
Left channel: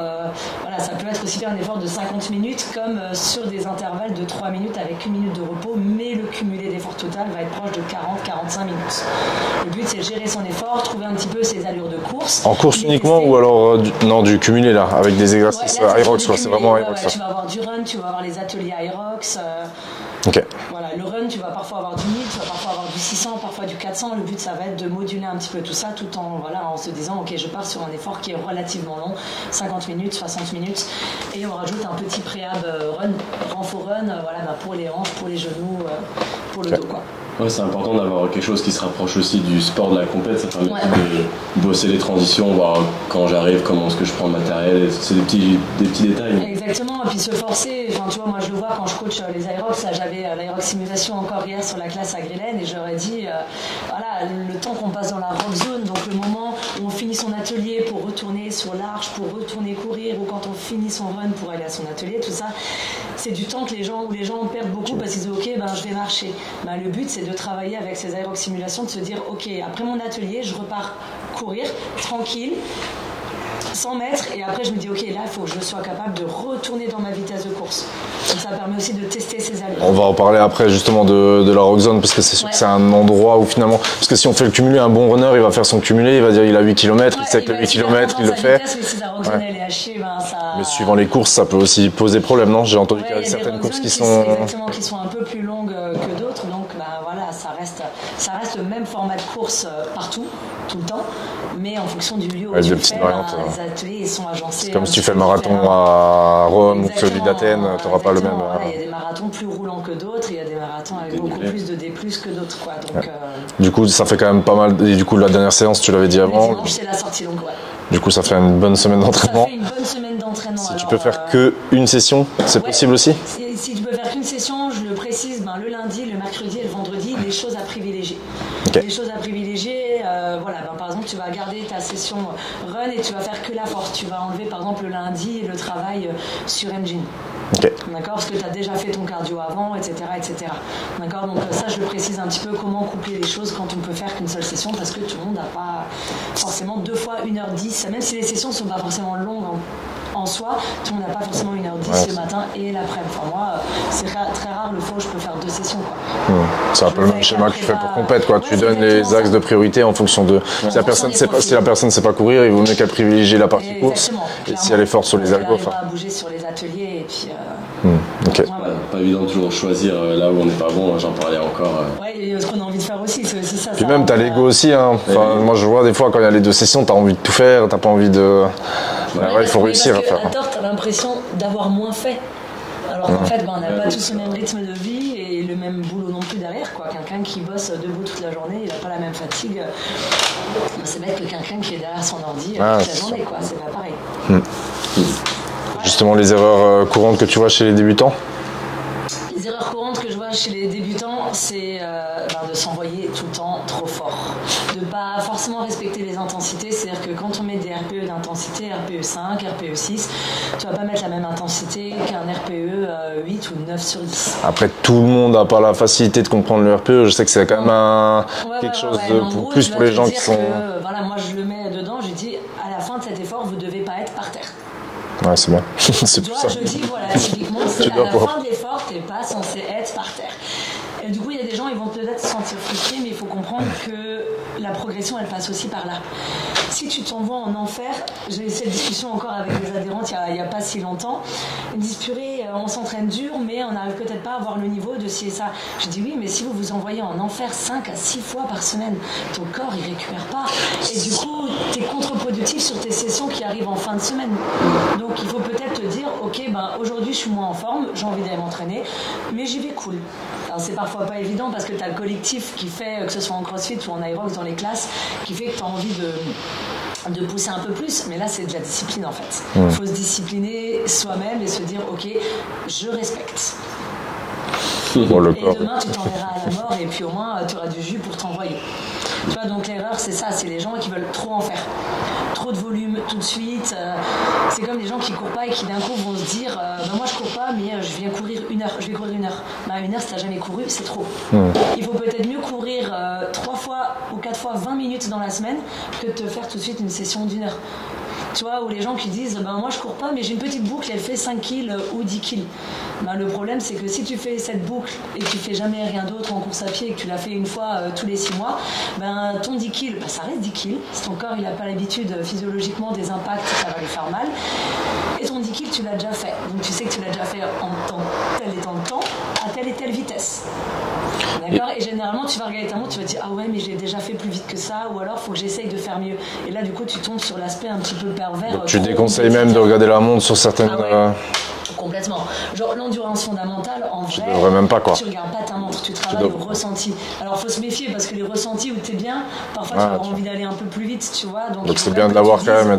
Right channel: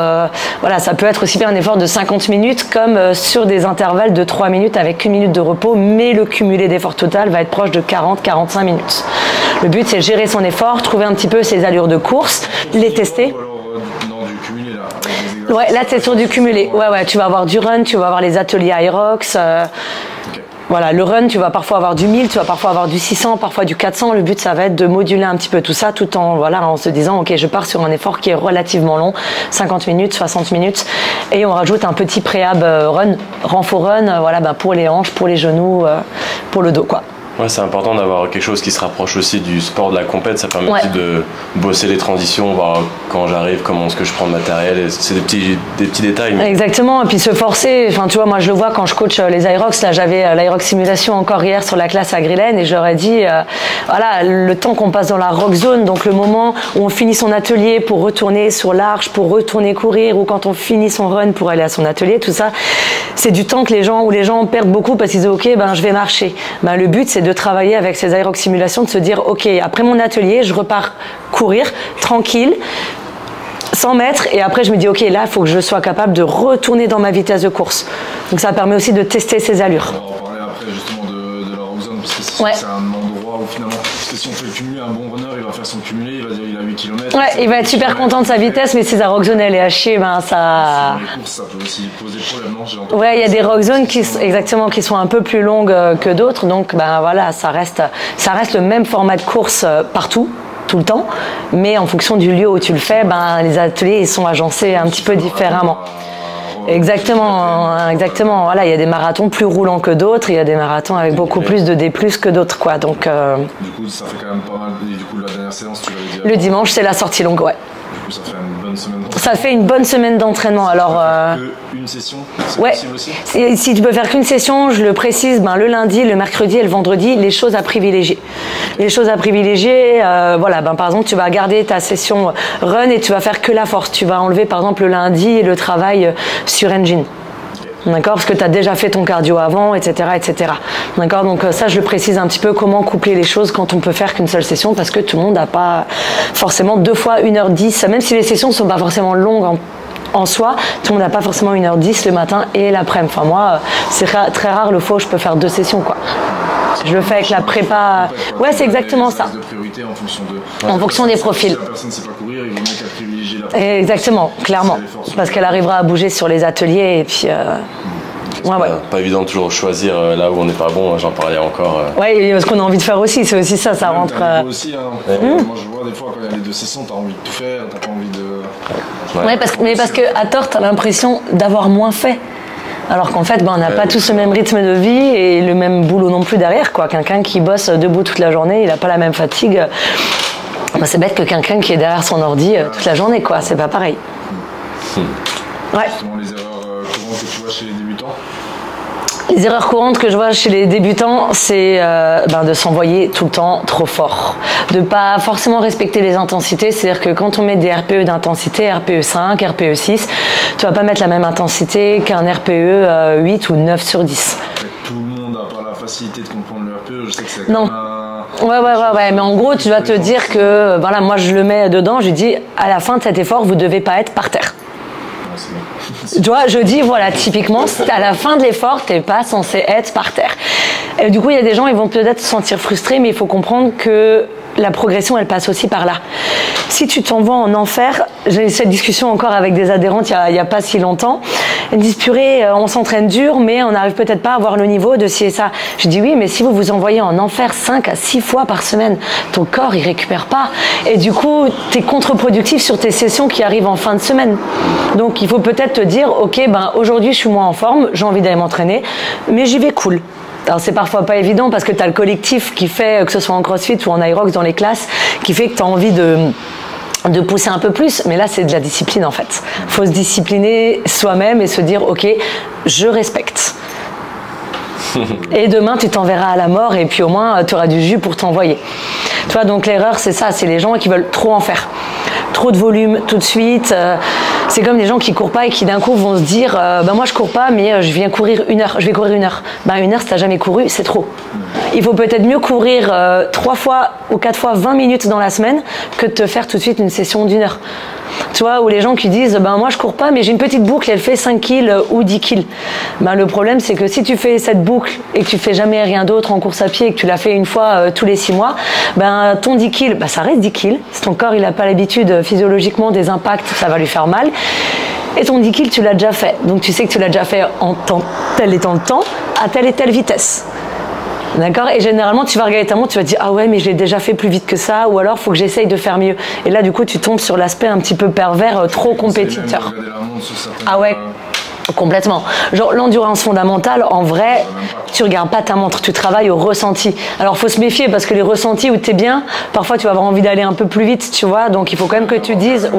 ça peut être aussi bien un effort de 50 minutes comme sur des intervalles de 3 minutes avec 1 minute de repos, mais le cumulé d'effort total va être proche de 40-45 minutes. Le but, c'est gérer son effort, trouver un petit peu ses allures de course, en course les tester. Ou alors du cumulé là, avec des exercices. Ouais, là c'est sur du cumulé. Ouais, tu vas avoir du run, tu vas avoir les ateliers Hyrox. Okay. Voilà, le run, tu vas parfois avoir du 1000, tu vas parfois avoir du 600, parfois du 400. Le but, ça va être de moduler un petit peu tout ça tout en se disant, ok, je pars sur un effort qui est relativement long, 50 minutes, 60 minutes, et on rajoute un petit préhab run, renfort run, pour les hanches, pour les genoux, pour le dos, quoi. Ouais, c'est important d'avoir quelque chose qui se rapproche aussi du sport, de la compète. Ça permet aussi de bosser les transitions, voir quand j'arrive, comment est-ce que je prends le matériel. C'est des petits détails. Mais... Exactement, et puis se forcer. Enfin, tu vois, moi je le vois quand je coach les Hyrox. Là, j'avais l'Hyrox simulation encore hier sur la classe à Grillen, et j'aurais dit, le temps qu'on passe dans la rock zone, donc le moment où on finit son atelier pour retourner sur l'arche, pour retourner courir, ou quand on finit son run pour aller à son atelier, tout ça, c'est du temps que les gens perdent beaucoup parce qu'ils disent, ok, je vais marcher. Le but, c'est de travailler avec ces Hyrox simulations, de se dire ok, après mon atelier je repars courir tranquille 100 mètres, et après je me dis ok, là il faut que je sois capable de retourner dans ma vitesse de course. Donc ça permet aussi de tester ses allures. On va en parler après justement de la rock zone, parce que c'est sûr que c'est un endroit où finalement, parce que si on fait le cumulé, un bon runner il va faire son cumulé, il va dire il a 8 km, il va être super content de sa vitesse, mais si sa rock zone elle est à chier, ça... Mais suivant les courses ça peut aussi poser problème, non? J'ai entendu. Il y a des rock zones qui sont un peu plus longues que d'autres, donc ça reste le même format de course partout, tout le temps, mais en fonction du lieu où tu le fais, les ateliers ils sont agencés un petit peu différemment. Rome, exactement. Voilà, il y a des marathons plus roulants que d'autres, il y a des marathons avec beaucoup plus de D+ que d'autres, quoi. Donc du coup, ça fait quand même pas mal. Et du coup, la dernière séance, tu l'avais dit avant. Le dimanche, c'est la sortie longue, ouais. Du coup, ça fait une bonne semaine d'entraînement. Ça fait une bonne semaine d'entraînement. Si tu peux faire qu'une session, c'est possible aussi? Si tu peux faire qu'une session, je le précise, le lundi, le mercredi et le vendredi, les choses à privilégier. Okay. Les choses à privilégier, par exemple, tu vas garder ta session run et tu vas faire que la force. Tu vas enlever, par exemple, le lundi le travail sur engine. Okay. D'accord, parce que tu as déjà fait ton cardio avant, etc. D'accord, donc ça je le précise un petit peu, comment coupler les choses quand on peut faire qu'une seule session, parce que tout le monde n'a pas forcément 2 fois 1h10, même si les sessions ne sont pas forcément longues en soi, tout le monde n'a pas forcément 1h10 le matin et l'après-midi. Enfin moi, c'est très rare le fois où je peux faire 2 sessions, quoi. Je le fais avec la prépa. C'est exactement ça. Les axes de priorité en fonction des profils. Si la personne ne sait pas courir, il vaut mieux qu'elle privilégie la partie exactement, course, clairement. Si parce qu'elle arrivera à bouger sur les ateliers et puis. Pas évident de toujours choisir là où on n'est pas bon. J'en parlais encore. Ce qu'on a envie de faire aussi, c'est aussi ça. Même t'as l'ego aussi. Moi, je vois des fois quand il y a les 2 sessions, t'as envie de tout faire, t'as pas envie de. Parce qu'à tort, tu as l'impression d'avoir moins fait. Alors qu'en fait, on n'a pas tous le même rythme de vie et le même boulot non plus derrière, quoi. Quelqu'un qui bosse debout toute la journée, il n'a pas la même fatigue. C'est bête que quelqu'un qui est derrière son ordi toute la journée, quoi. C'est pas pareil. Ouais. Justement, les erreurs courantes que tu vois chez les débutants? Les erreurs courantes que je vois chez les débutants, c'est de s'envoyer tout le temps trop fort. De pas forcément respecter les intensités. C'est-à-dire que quand on met des RPE d'intensité, RPE 5, RPE 6, tu vas pas mettre la même intensité qu'un RPE 8 ou 9 sur 10. Après, tout le monde n'a pas la facilité de comprendre le RPE. Je sais que c'est quand même un... Ouais. Mais en gros, tu vas te dire que, voilà, moi je le mets dedans, je dis, à la fin de cet effort, vous devez pas être par terre. Ouais, c'est bon. Tu vois, je dis, voilà, typiquement, à la fin de l'effort, t'es pas censé être par terre. Et du coup, il y a des gens, ils vont peut-être se sentir frustrés, mais il faut comprendre que la progression, elle passe aussi par là. Si tu t'envoies en enfer, j'ai eu cette discussion encore avec des adhérentes il y a pas si longtemps. Elles me disent, purée, on s'entraîne dur, mais on n'arrive peut-être pas à avoir le niveau de ci et ça. Je dis oui, mais si vous vous envoyez en enfer 5 à 6 fois par semaine, ton corps, il récupère pas. Et du coup, t'es contre-productif sur tes sessions qui arrivent en fin de semaine. Donc, il faut peut-être te dire, ok, aujourd'hui, je suis moins en forme, j'ai envie d'aller m'entraîner, mais j'y vais cool. Alors c'est parfois pas évident parce que tu as le collectif qui fait, que ce soit en CrossFit ou en Aerox dans les classes, qui fait que tu as envie de pousser un peu plus, mais là c'est de la discipline en fait. Il faut se discipliner soi-même et se dire ok, je respecte. Et demain tu t'enverras à la mort et puis au moins tu auras du jus pour t'envoyer. Tu vois, donc l'erreur c'est ça, c'est les gens qui veulent trop en faire. Trop de volume tout de suite. C'est comme des gens qui courent pas et qui d'un coup vont se dire moi je cours pas mais je viens courir 1 heure, je vais courir 1 heure. 1 heure si t'as jamais couru, c'est trop. Il faut peut-être mieux courir 3 fois ou 4 fois 20 minutes dans la semaine que de te faire tout de suite une session d'1 heure. Tu vois, ou les gens qui disent moi je cours pas mais j'ai une petite boucle, elle fait 5 kills ou 10 kills. Le problème c'est que si tu fais cette boucle et que tu fais jamais rien d'autre en course à pied et que tu la fais une fois tous les 6 mois, ton 10 kills, ça reste 10 kills. Si ton corps il a pas l'habitude physiologiquement des impacts, ça va lui faire mal. Et ton 10 kills tu l'as déjà fait. Donc tu sais que tu l'as déjà fait en tel et tant de temps, à telle et telle vitesse. D'accord. Et généralement, tu vas regarder ta montre, tu vas te dire ah ouais, mais je l'ai déjà fait plus vite que ça, ou alors il faut que j'essaye de faire mieux. Et là, du coup, tu tombes sur l'aspect un petit peu pervers, trop compétiteur. Tu même de regarder la montre sur certaines. Ah ouais. Complètement. Genre l'endurance fondamentale, en vrai, tu regardes pas ta montre, tu travailles au ressenti. Alors faut se méfier parce que les ressentis où t'es bien, parfois tu vas avoir envie d'aller un peu plus vite, tu vois. Donc il faut quand même que tu dises,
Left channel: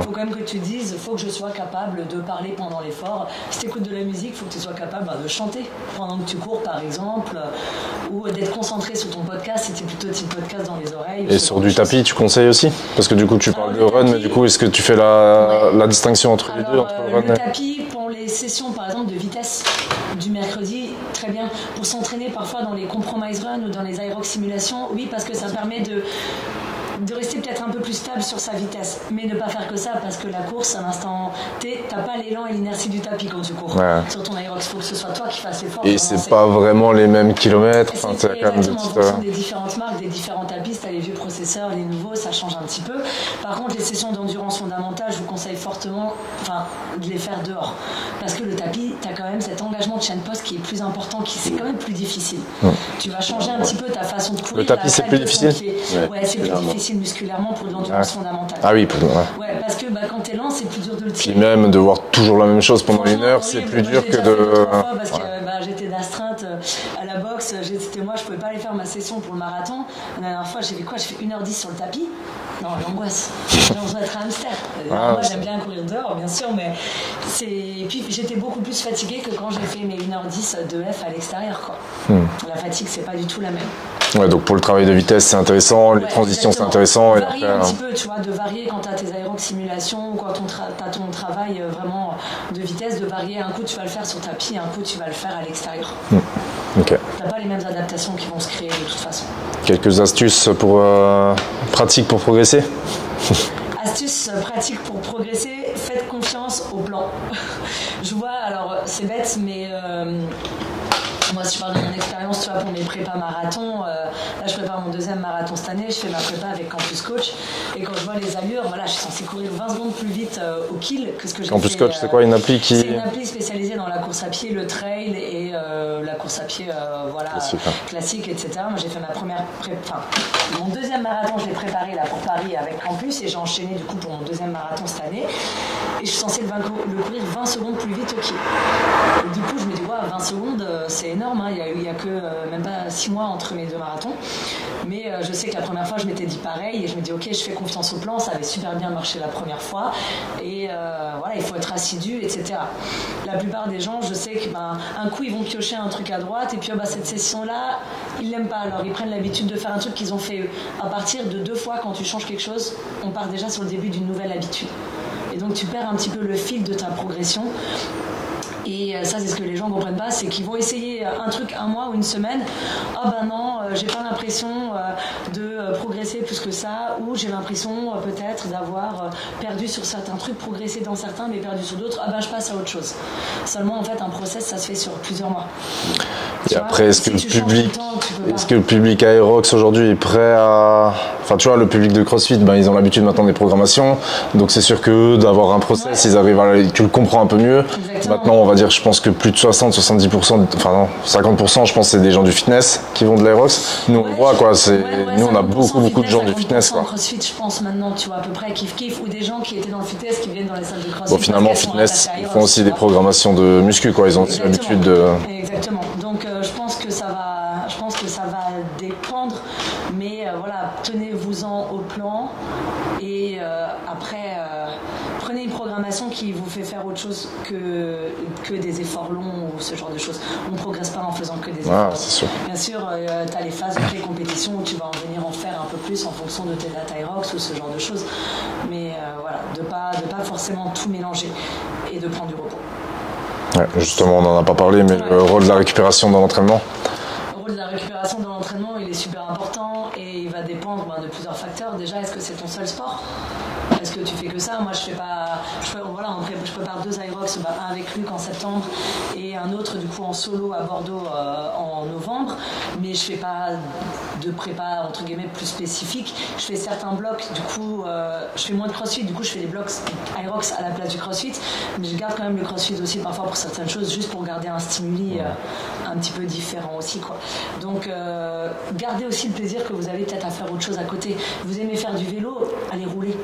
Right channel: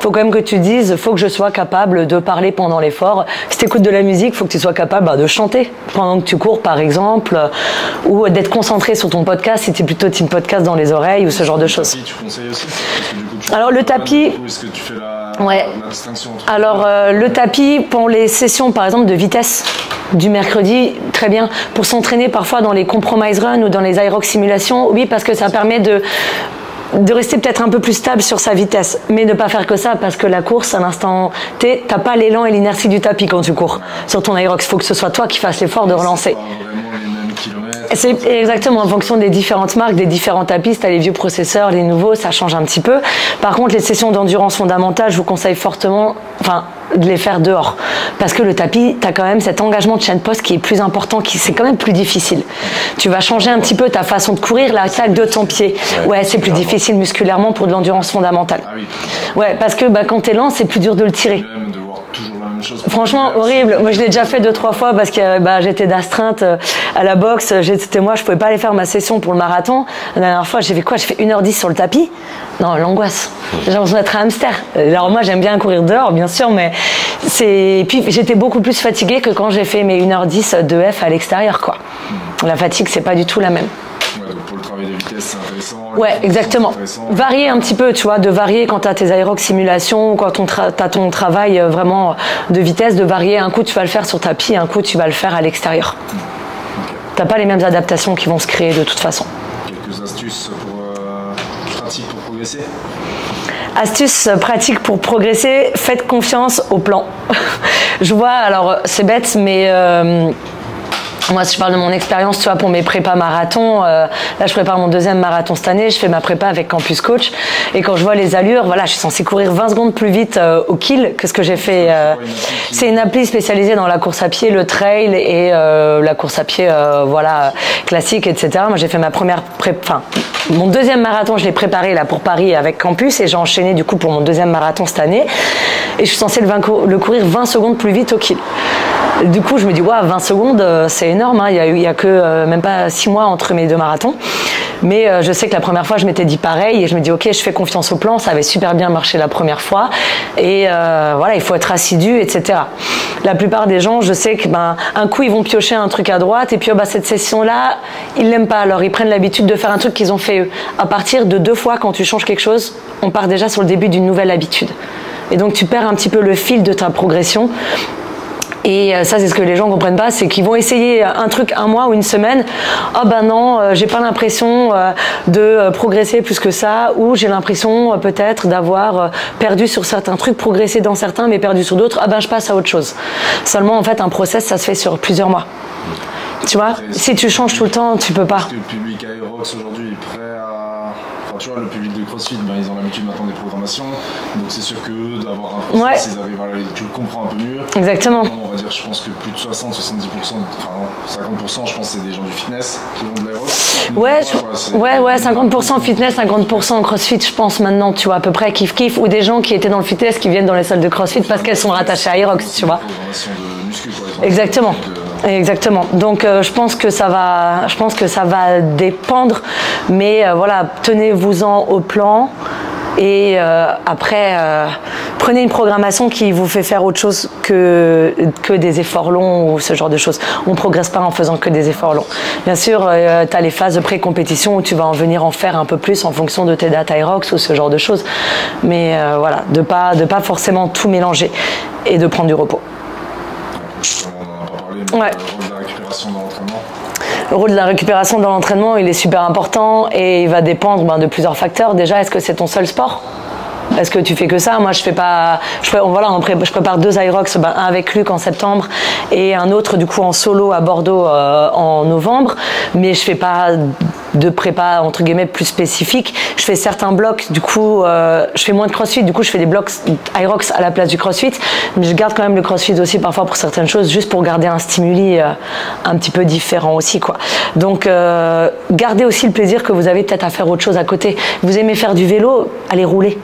faut quand même que tu dises, faut que je sois capable de parler pendant l'effort. Si t'écoutes de la musique, faut que tu sois capable de chanter pendant que tu cours, par exemple, ou d'être concentré sur ton podcast si t'es plutôt team podcast dans les oreilles ou ce genre de choses. Le tapis, tu conseilles aussi parce que du coup tu. Alors le tapis. Du coup, est-ce que tu fais la distinction entre. Alors le tapis pour les sessions par exemple de vitesse du mercredi, très bien. Pour s'entraîner parfois dans les compromise runs ou dans les aerox simulations, oui, parce que ça permet de rester peut-être un peu plus stable sur sa vitesse, mais ne pas faire que ça parce que la course à l'instant T, t'as pas l'élan et l'inertie du tapis quand tu cours. Sur ton aerox, il faut que ce soit toi qui fasses l'effort de relancer. C'est pas vraiment les mêmes kilomètres. C'est exactement en fonction des différentes marques, des différents tapis. T'as les vieux processeurs, les nouveaux, ça change un petit peu. Par contre, les sessions d'endurance fondamentale, je vous conseille fortement, de les faire dehors, parce que le tapis, t'as quand même cet engagement de chaîne poste qui est plus important, c'est quand même plus difficile. Tu vas changer un petit peu ta façon de courir, la taille de ton pied. Ouais, c'est plus difficile musculairement pour de l'endurance fondamentale. Ah oui. Ouais, parce que quand t'es lent, c'est plus dur de le tirer. Et même de voir toujours la même chose pendant franchement, une heure, horrible. Moi, je l'ai déjà fait 2-3 fois parce que j'étais d'astreinte à la boxe. Moi, je pouvais pas aller faire ma session pour le marathon. La dernière fois, j'ai fait quoi? J'ai fait 1h10 sur le tapis. Non, l'angoisse. J'ai l'impression d'être un hamster. Alors moi, j'aime bien courir dehors, bien sûr, mais puis j'étais beaucoup plus fatiguée que quand j'ai fait mes 1h10 de F à l'extérieur, quoi. La fatigue, c'est pas du tout la même. Ouais, donc pour le travail de vitesse, c'est intéressant. Ouais, exactement. Varier un petit peu, tu vois, de varier quand tu as tes aerox simulations ou quand tu as ton travail vraiment de vitesse, de varier. Un coup, tu vas le faire sur tapis, un coup, tu vas le faire à l'extérieur. T'as pas les mêmes adaptations qui vont se créer de toute façon. Quelques astuces pratiques pour progresser? Astuces pratiques pour progresser, faites confiance au plan. Je vois, alors c'est bête, mais moi, si je parle de mon expérience, tu vois, pour mes prépas marathon, là, je prépare mon 2e marathon cette année, je fais ma prépa avec Campus Coach, et quand je vois les allures, voilà, je suis censée courir 20 secondes plus vite au kill que ce que j'ai fait. C'est quoi, une appli C'est une appli spécialisée dans la course à pied, le trail et la course à pied, classique, etc. Moi, j'ai fait ma première mon 2e marathon, je l'ai préparé là pour Paris avec Campus, et j'ai enchaîné du coup pour mon 2e marathon cette année, et je suis censée le courir 20 secondes plus vite au kill. Du coup, je me dis, 20 secondes, c'est énorme. Il y a que même pas 6 mois entre mes 2 marathons. Mais je sais que la première fois, je m'étais dit pareil et je me dis ok, je fais confiance au plan, ça avait super bien marché la première fois et voilà, il faut être assidu, etc. La plupart des gens, je sais que un coup ils vont piocher un truc à droite et puis cette session-là, ils l'aiment pas, alors ils prennent l'habitude de faire un truc qu'ils ont fait eux. À partir de 2 fois, quand tu changes quelque chose, on part déjà sur le début d'une nouvelle habitude. Et donc tu perds un petit peu le fil de ta progression. Et ça, c'est ce que les gens comprennent pas, c'est qu'ils vont essayer un truc un mois ou une semaine. Ah ben non, j'ai pas l'impression de progresser plus que ça, ou j'ai l'impression peut-être d'avoir perdu sur certains trucs, progressé dans certains, mais perdu sur d'autres. Ah ben je passe à autre chose. Seulement en fait, un process, ça se fait sur plusieurs mois. Tu vois, si tu changes tout le temps, tu peux pas. Est-ce que le public Aerox aujourd'hui est prêt à... Enfin, tu vois, le public de CrossFit, ils ont l'habitude maintenant des programmations. Donc, c'est sûr que d'avoir un process, ils arrivent tu le comprends un peu mieux. Exactement. Maintenant, on va dire, je pense que plus de 60-70%, enfin non, 50%, je pense, c'est des gens du fitness qui vont de l'Aerox. Nous, ouais, 50% fitness, 50% CrossFit, je pense maintenant, tu vois, à peu près kiff-kiff. Ou des gens qui étaient dans le fitness qui viennent dans les salles de CrossFit parce qu'elles sont rattachées à Aerox. Ils font aussi des programmations de muscu, quoi. Ils ont Exactement. Exactement. Donc, je pense que ça va dépendre, mais voilà, tenez-vous-en au plan et après prenez une programmation qui vous fait faire autre chose que des efforts longs ou ce genre de choses. On progresse pas en faisant que des efforts longs. Bien sûr, tu as les phases de pré-compétition où tu vas en faire un peu plus en fonction de tes dates Aerox ou ce genre de choses, mais voilà, de pas forcément tout mélanger et de prendre du repos. Ouais, justement, on n'en a pas parlé, mais le rôle de la récupération dans l'entraînement. Le rôle de la récupération dans l'entraînement, il est super important et il va dépendre de plusieurs facteurs. Déjà, est-ce que c'est ton seul sport ? Est-ce que tu fais que ça ? Moi, je prépare 2 Aerox, un avec Luc en septembre et un autre du coup en solo à Bordeaux en novembre. Mais je fais pas de prépa entre guillemets plus spécifique. Je fais certains blocs, du coup, je fais moins de CrossFit. Du coup, je fais des blocs Aerox à la place du CrossFit. Mais je garde quand même le CrossFit aussi parfois pour certaines choses, juste pour garder un stimuli un petit peu différent aussi, quoi. Donc, gardez aussi le plaisir que vous avez peut-être à faire autre chose à côté. Vous aimez faire du vélo, allez rouler.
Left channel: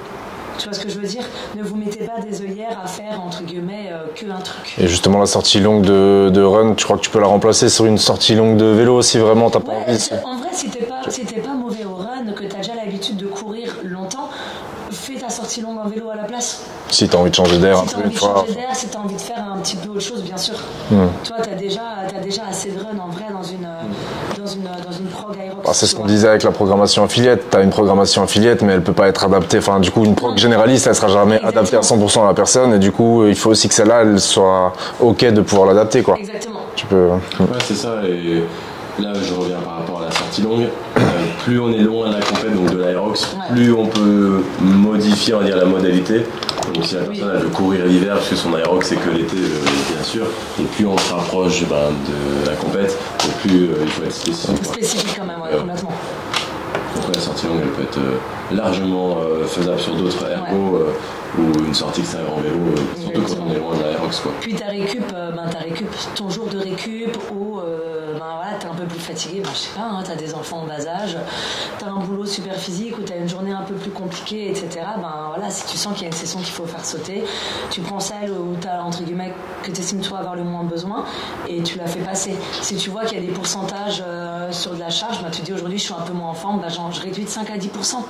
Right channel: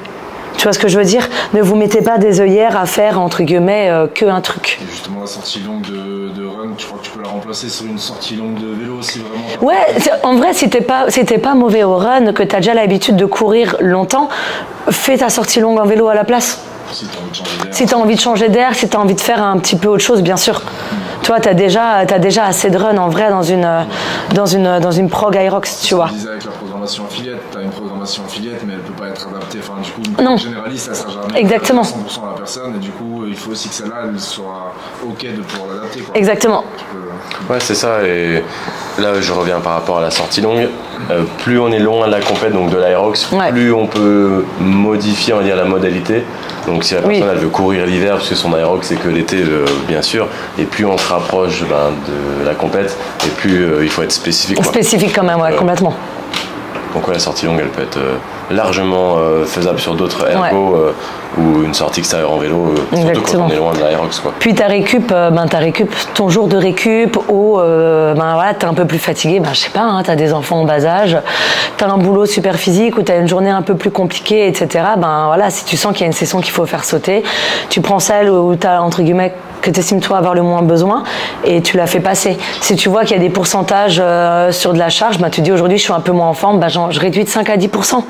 Tu vois ce que je veux dire ? Ne vous mettez pas des œillères à faire, entre guillemets, qu'un truc. Et justement, la sortie longue de run, tu crois que tu peux la remplacer sur une sortie longue de vélo aussi, vraiment ? Ouais, en vrai, si t'es pas mauvais au run, que t'as déjà l'habitude de courir longtemps, fais ta sortie longue en vélo à la place. Si tu as envie de changer d'air. Si tu as envie de changer d'air, si tu as envie de faire un petit peu autre chose, bien sûr. Toi, tu as déjà assez de run en vrai dans une prog Aerox. C'est ce qu'on disait avec la programmation affiliate. Tu as une programmation affiliate, mais elle ne peut pas être adaptée. Enfin, du coup, une prog généraliste, elle ne sera jamais adaptée à 100% à la personne. Et du coup, il faut aussi que celle-là, elle soit OK de pouvoir l'adapter, quoi. Exactement. Ouais, c'est ça. Et là, je reviens par rapport à la sortie longue. Plus on est loin de la compète, donc de l'Aerox, plus on peut modifier, on va dire, la modalité. Donc si la personne elle veut courir l'hiver, parce que son Aerox c'est que l'été, bien sûr, et plus on se rapproche de la compète, et plus il faut être spécifique. Spécifique quand même, complètement. Donc la sortie longue, elle peut être largement faisable sur d'autres ergos ou une sortie extérieure en vélo, surtout quand on est loin de l'Aerox, quoi. Puis ta récup, ton jour de récup où t'es un peu plus fatigué, je sais pas, t'as des enfants en bas âge, t'as un boulot super physique ou t'as une journée un peu plus compliquée, etc. Si tu sens qu'il y a une session qu'il faut faire sauter, tu prends celle où t'as, entre guillemets, que tu estimes toi avoir le moins besoin et tu la fais passer. Si tu vois qu'il y a des pourcentages sur de la charge, tu dis aujourd'hui je suis un peu moins en forme, je réduis de 5 à 10%.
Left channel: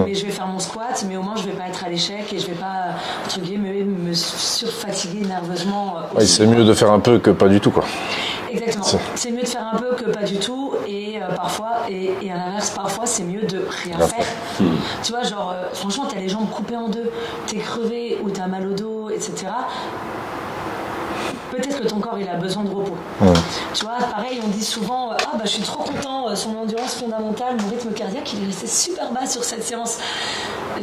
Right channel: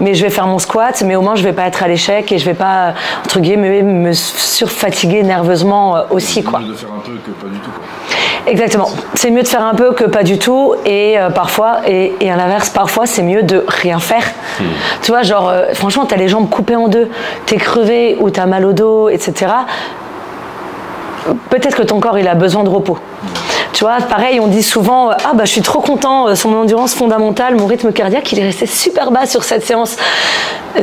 Mais je vais faire mon squat, mais au moins je vais pas être à l'échec et je vais pas, entre guillemets, me surfatiguer nerveusement aussi. C'est mieux de faire un peu que pas du tout, quoi. Exactement. C'est mieux de faire un peu que pas du tout et parfois, et à l'inverse, parfois c'est mieux de rien faire. Tu vois, franchement, t'as les jambes coupées en deux, t'es crevé ou t'as mal au dos, etc. Peut-être que ton corps il a besoin de repos. Tu vois, pareil, on dit souvent je suis trop content, sur mon endurance fondamentale, mon rythme cardiaque il est resté super bas sur cette séance.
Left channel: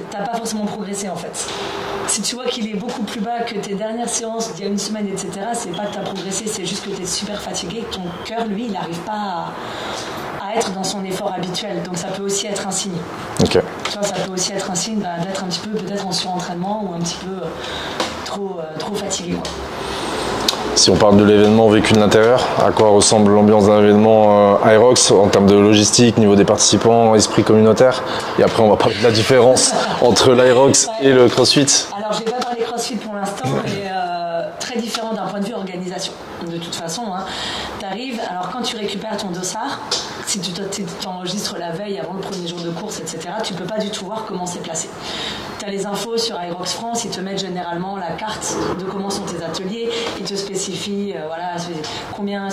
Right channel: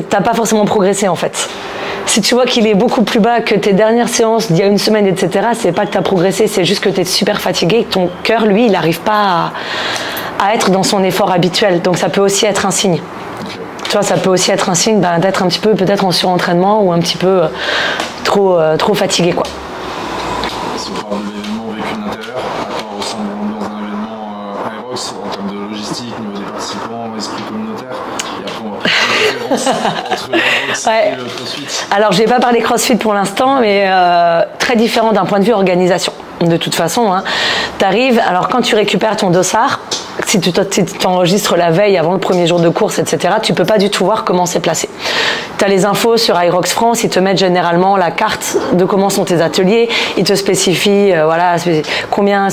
T'as pas forcément progressé en fait. Si tu vois qu'il est beaucoup plus bas que tes dernières séances d'il y a une semaine, etc., c'est pas que t'as progressé, c'est juste que t'es super fatigué, que ton cœur lui il n'arrive pas à être dans son effort habituel. Donc ça peut aussi être un signe. Okay. Tu vois, ça peut aussi être un signe d'être un petit peu peut-être en surentraînement ou un petit peu trop fatigué, quoi. Si on parle de l'événement vécu de l'intérieur, à quoi ressemble l'ambiance d'un événement Aerox en termes de logistique, niveau des participants, esprit communautaire? Et après, on va parler de la différence entre l'Aerox et le CrossFit. Alors, je n'ai pas parlé CrossFit pour l'instant, mais très différent d'un point de vue organisation. De toute façon, tu arrives, alors quand tu récupères ton dossard, si tu t'enregistres la veille avant le premier jour de course, etc., tu peux pas du tout voir comment c'est placé. Tu as les infos sur Irox France, ils te mettent généralement la carte de comment sont tes ateliers, ils te spécifient combien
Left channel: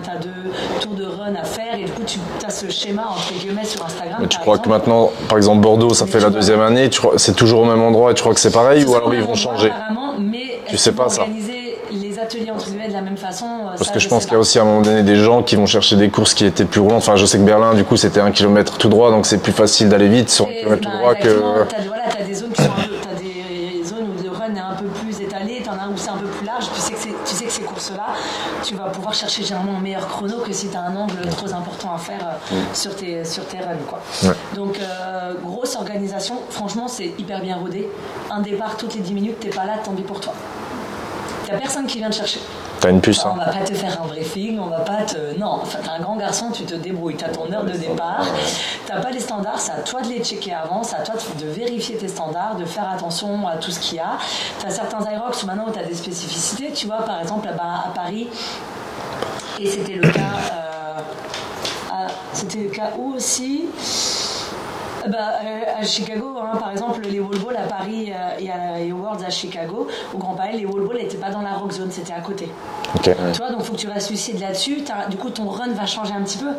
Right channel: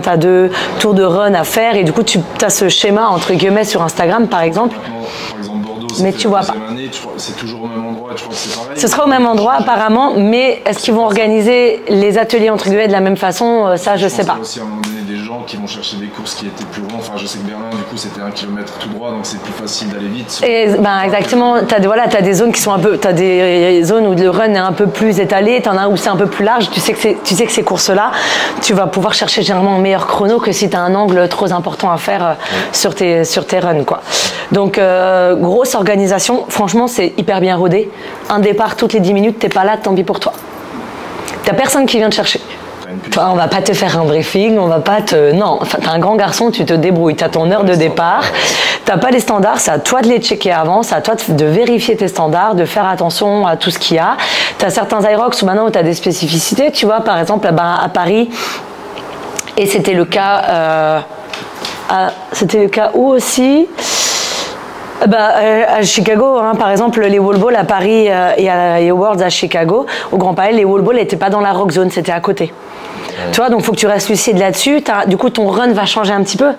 tu as de tours de run à faire, et du coup tu as ce schéma entre guillemets sur Instagram par exemple. Maintenant, par exemple Bordeaux, ça fait la deuxième année, c'est toujours au même endroit et tu crois que c'est pareil? Ce sera au même endroit apparemment, mais est-ce qu'ils vont organiser les ateliers entre guillemets de la même façon? Ça je sais pas. Je pense qu'il y a aussi à un moment donné des gens qui vont chercher des courses qui étaient plus roulantes. Enfin, je sais que Berlin, du coup, c'était 1 km tout droit, donc c'est plus facile d'aller vite. Exactement. T'as des zones qui sont t'as des zones où le run est un peu plus étalé, t'en as où c'est un peu plus large. Tu sais que ces courses-là, tu vas pouvoir chercher généralement un meilleur chrono que si t'as un angle trop important à faire sur tes runs, quoi. Ouais. Donc grosse organisation. Franchement, c'est hyper bien rodé. Un départ toutes les 10 minutes, t'es pas là, tant pis pour toi. T'as personne qui vient te chercher. Enfin, on va pas te faire un briefing, on va pas te... Non, enfin, t'es un grand garçon, tu te débrouilles, t'as ton heure de départ, t'as pas les standards, c'est à toi de les checker avant, c'est à toi de vérifier tes standards, de faire attention à tout ce qu'il y a. T'as certains Irox où maintenant t'as des spécificités, tu vois, par exemple à Paris, et c'était le cas... où aussi à Chicago, hein, par exemple, les wall balls à Paris et aux Worlds à Chicago, au Grand Palais, les wall balls n'étaient pas dans la rock zone, c'était à côté. Okay. Tu vois, donc il faut que tu restes lucide là-dessus. Du coup, ton run va changer un petit peu.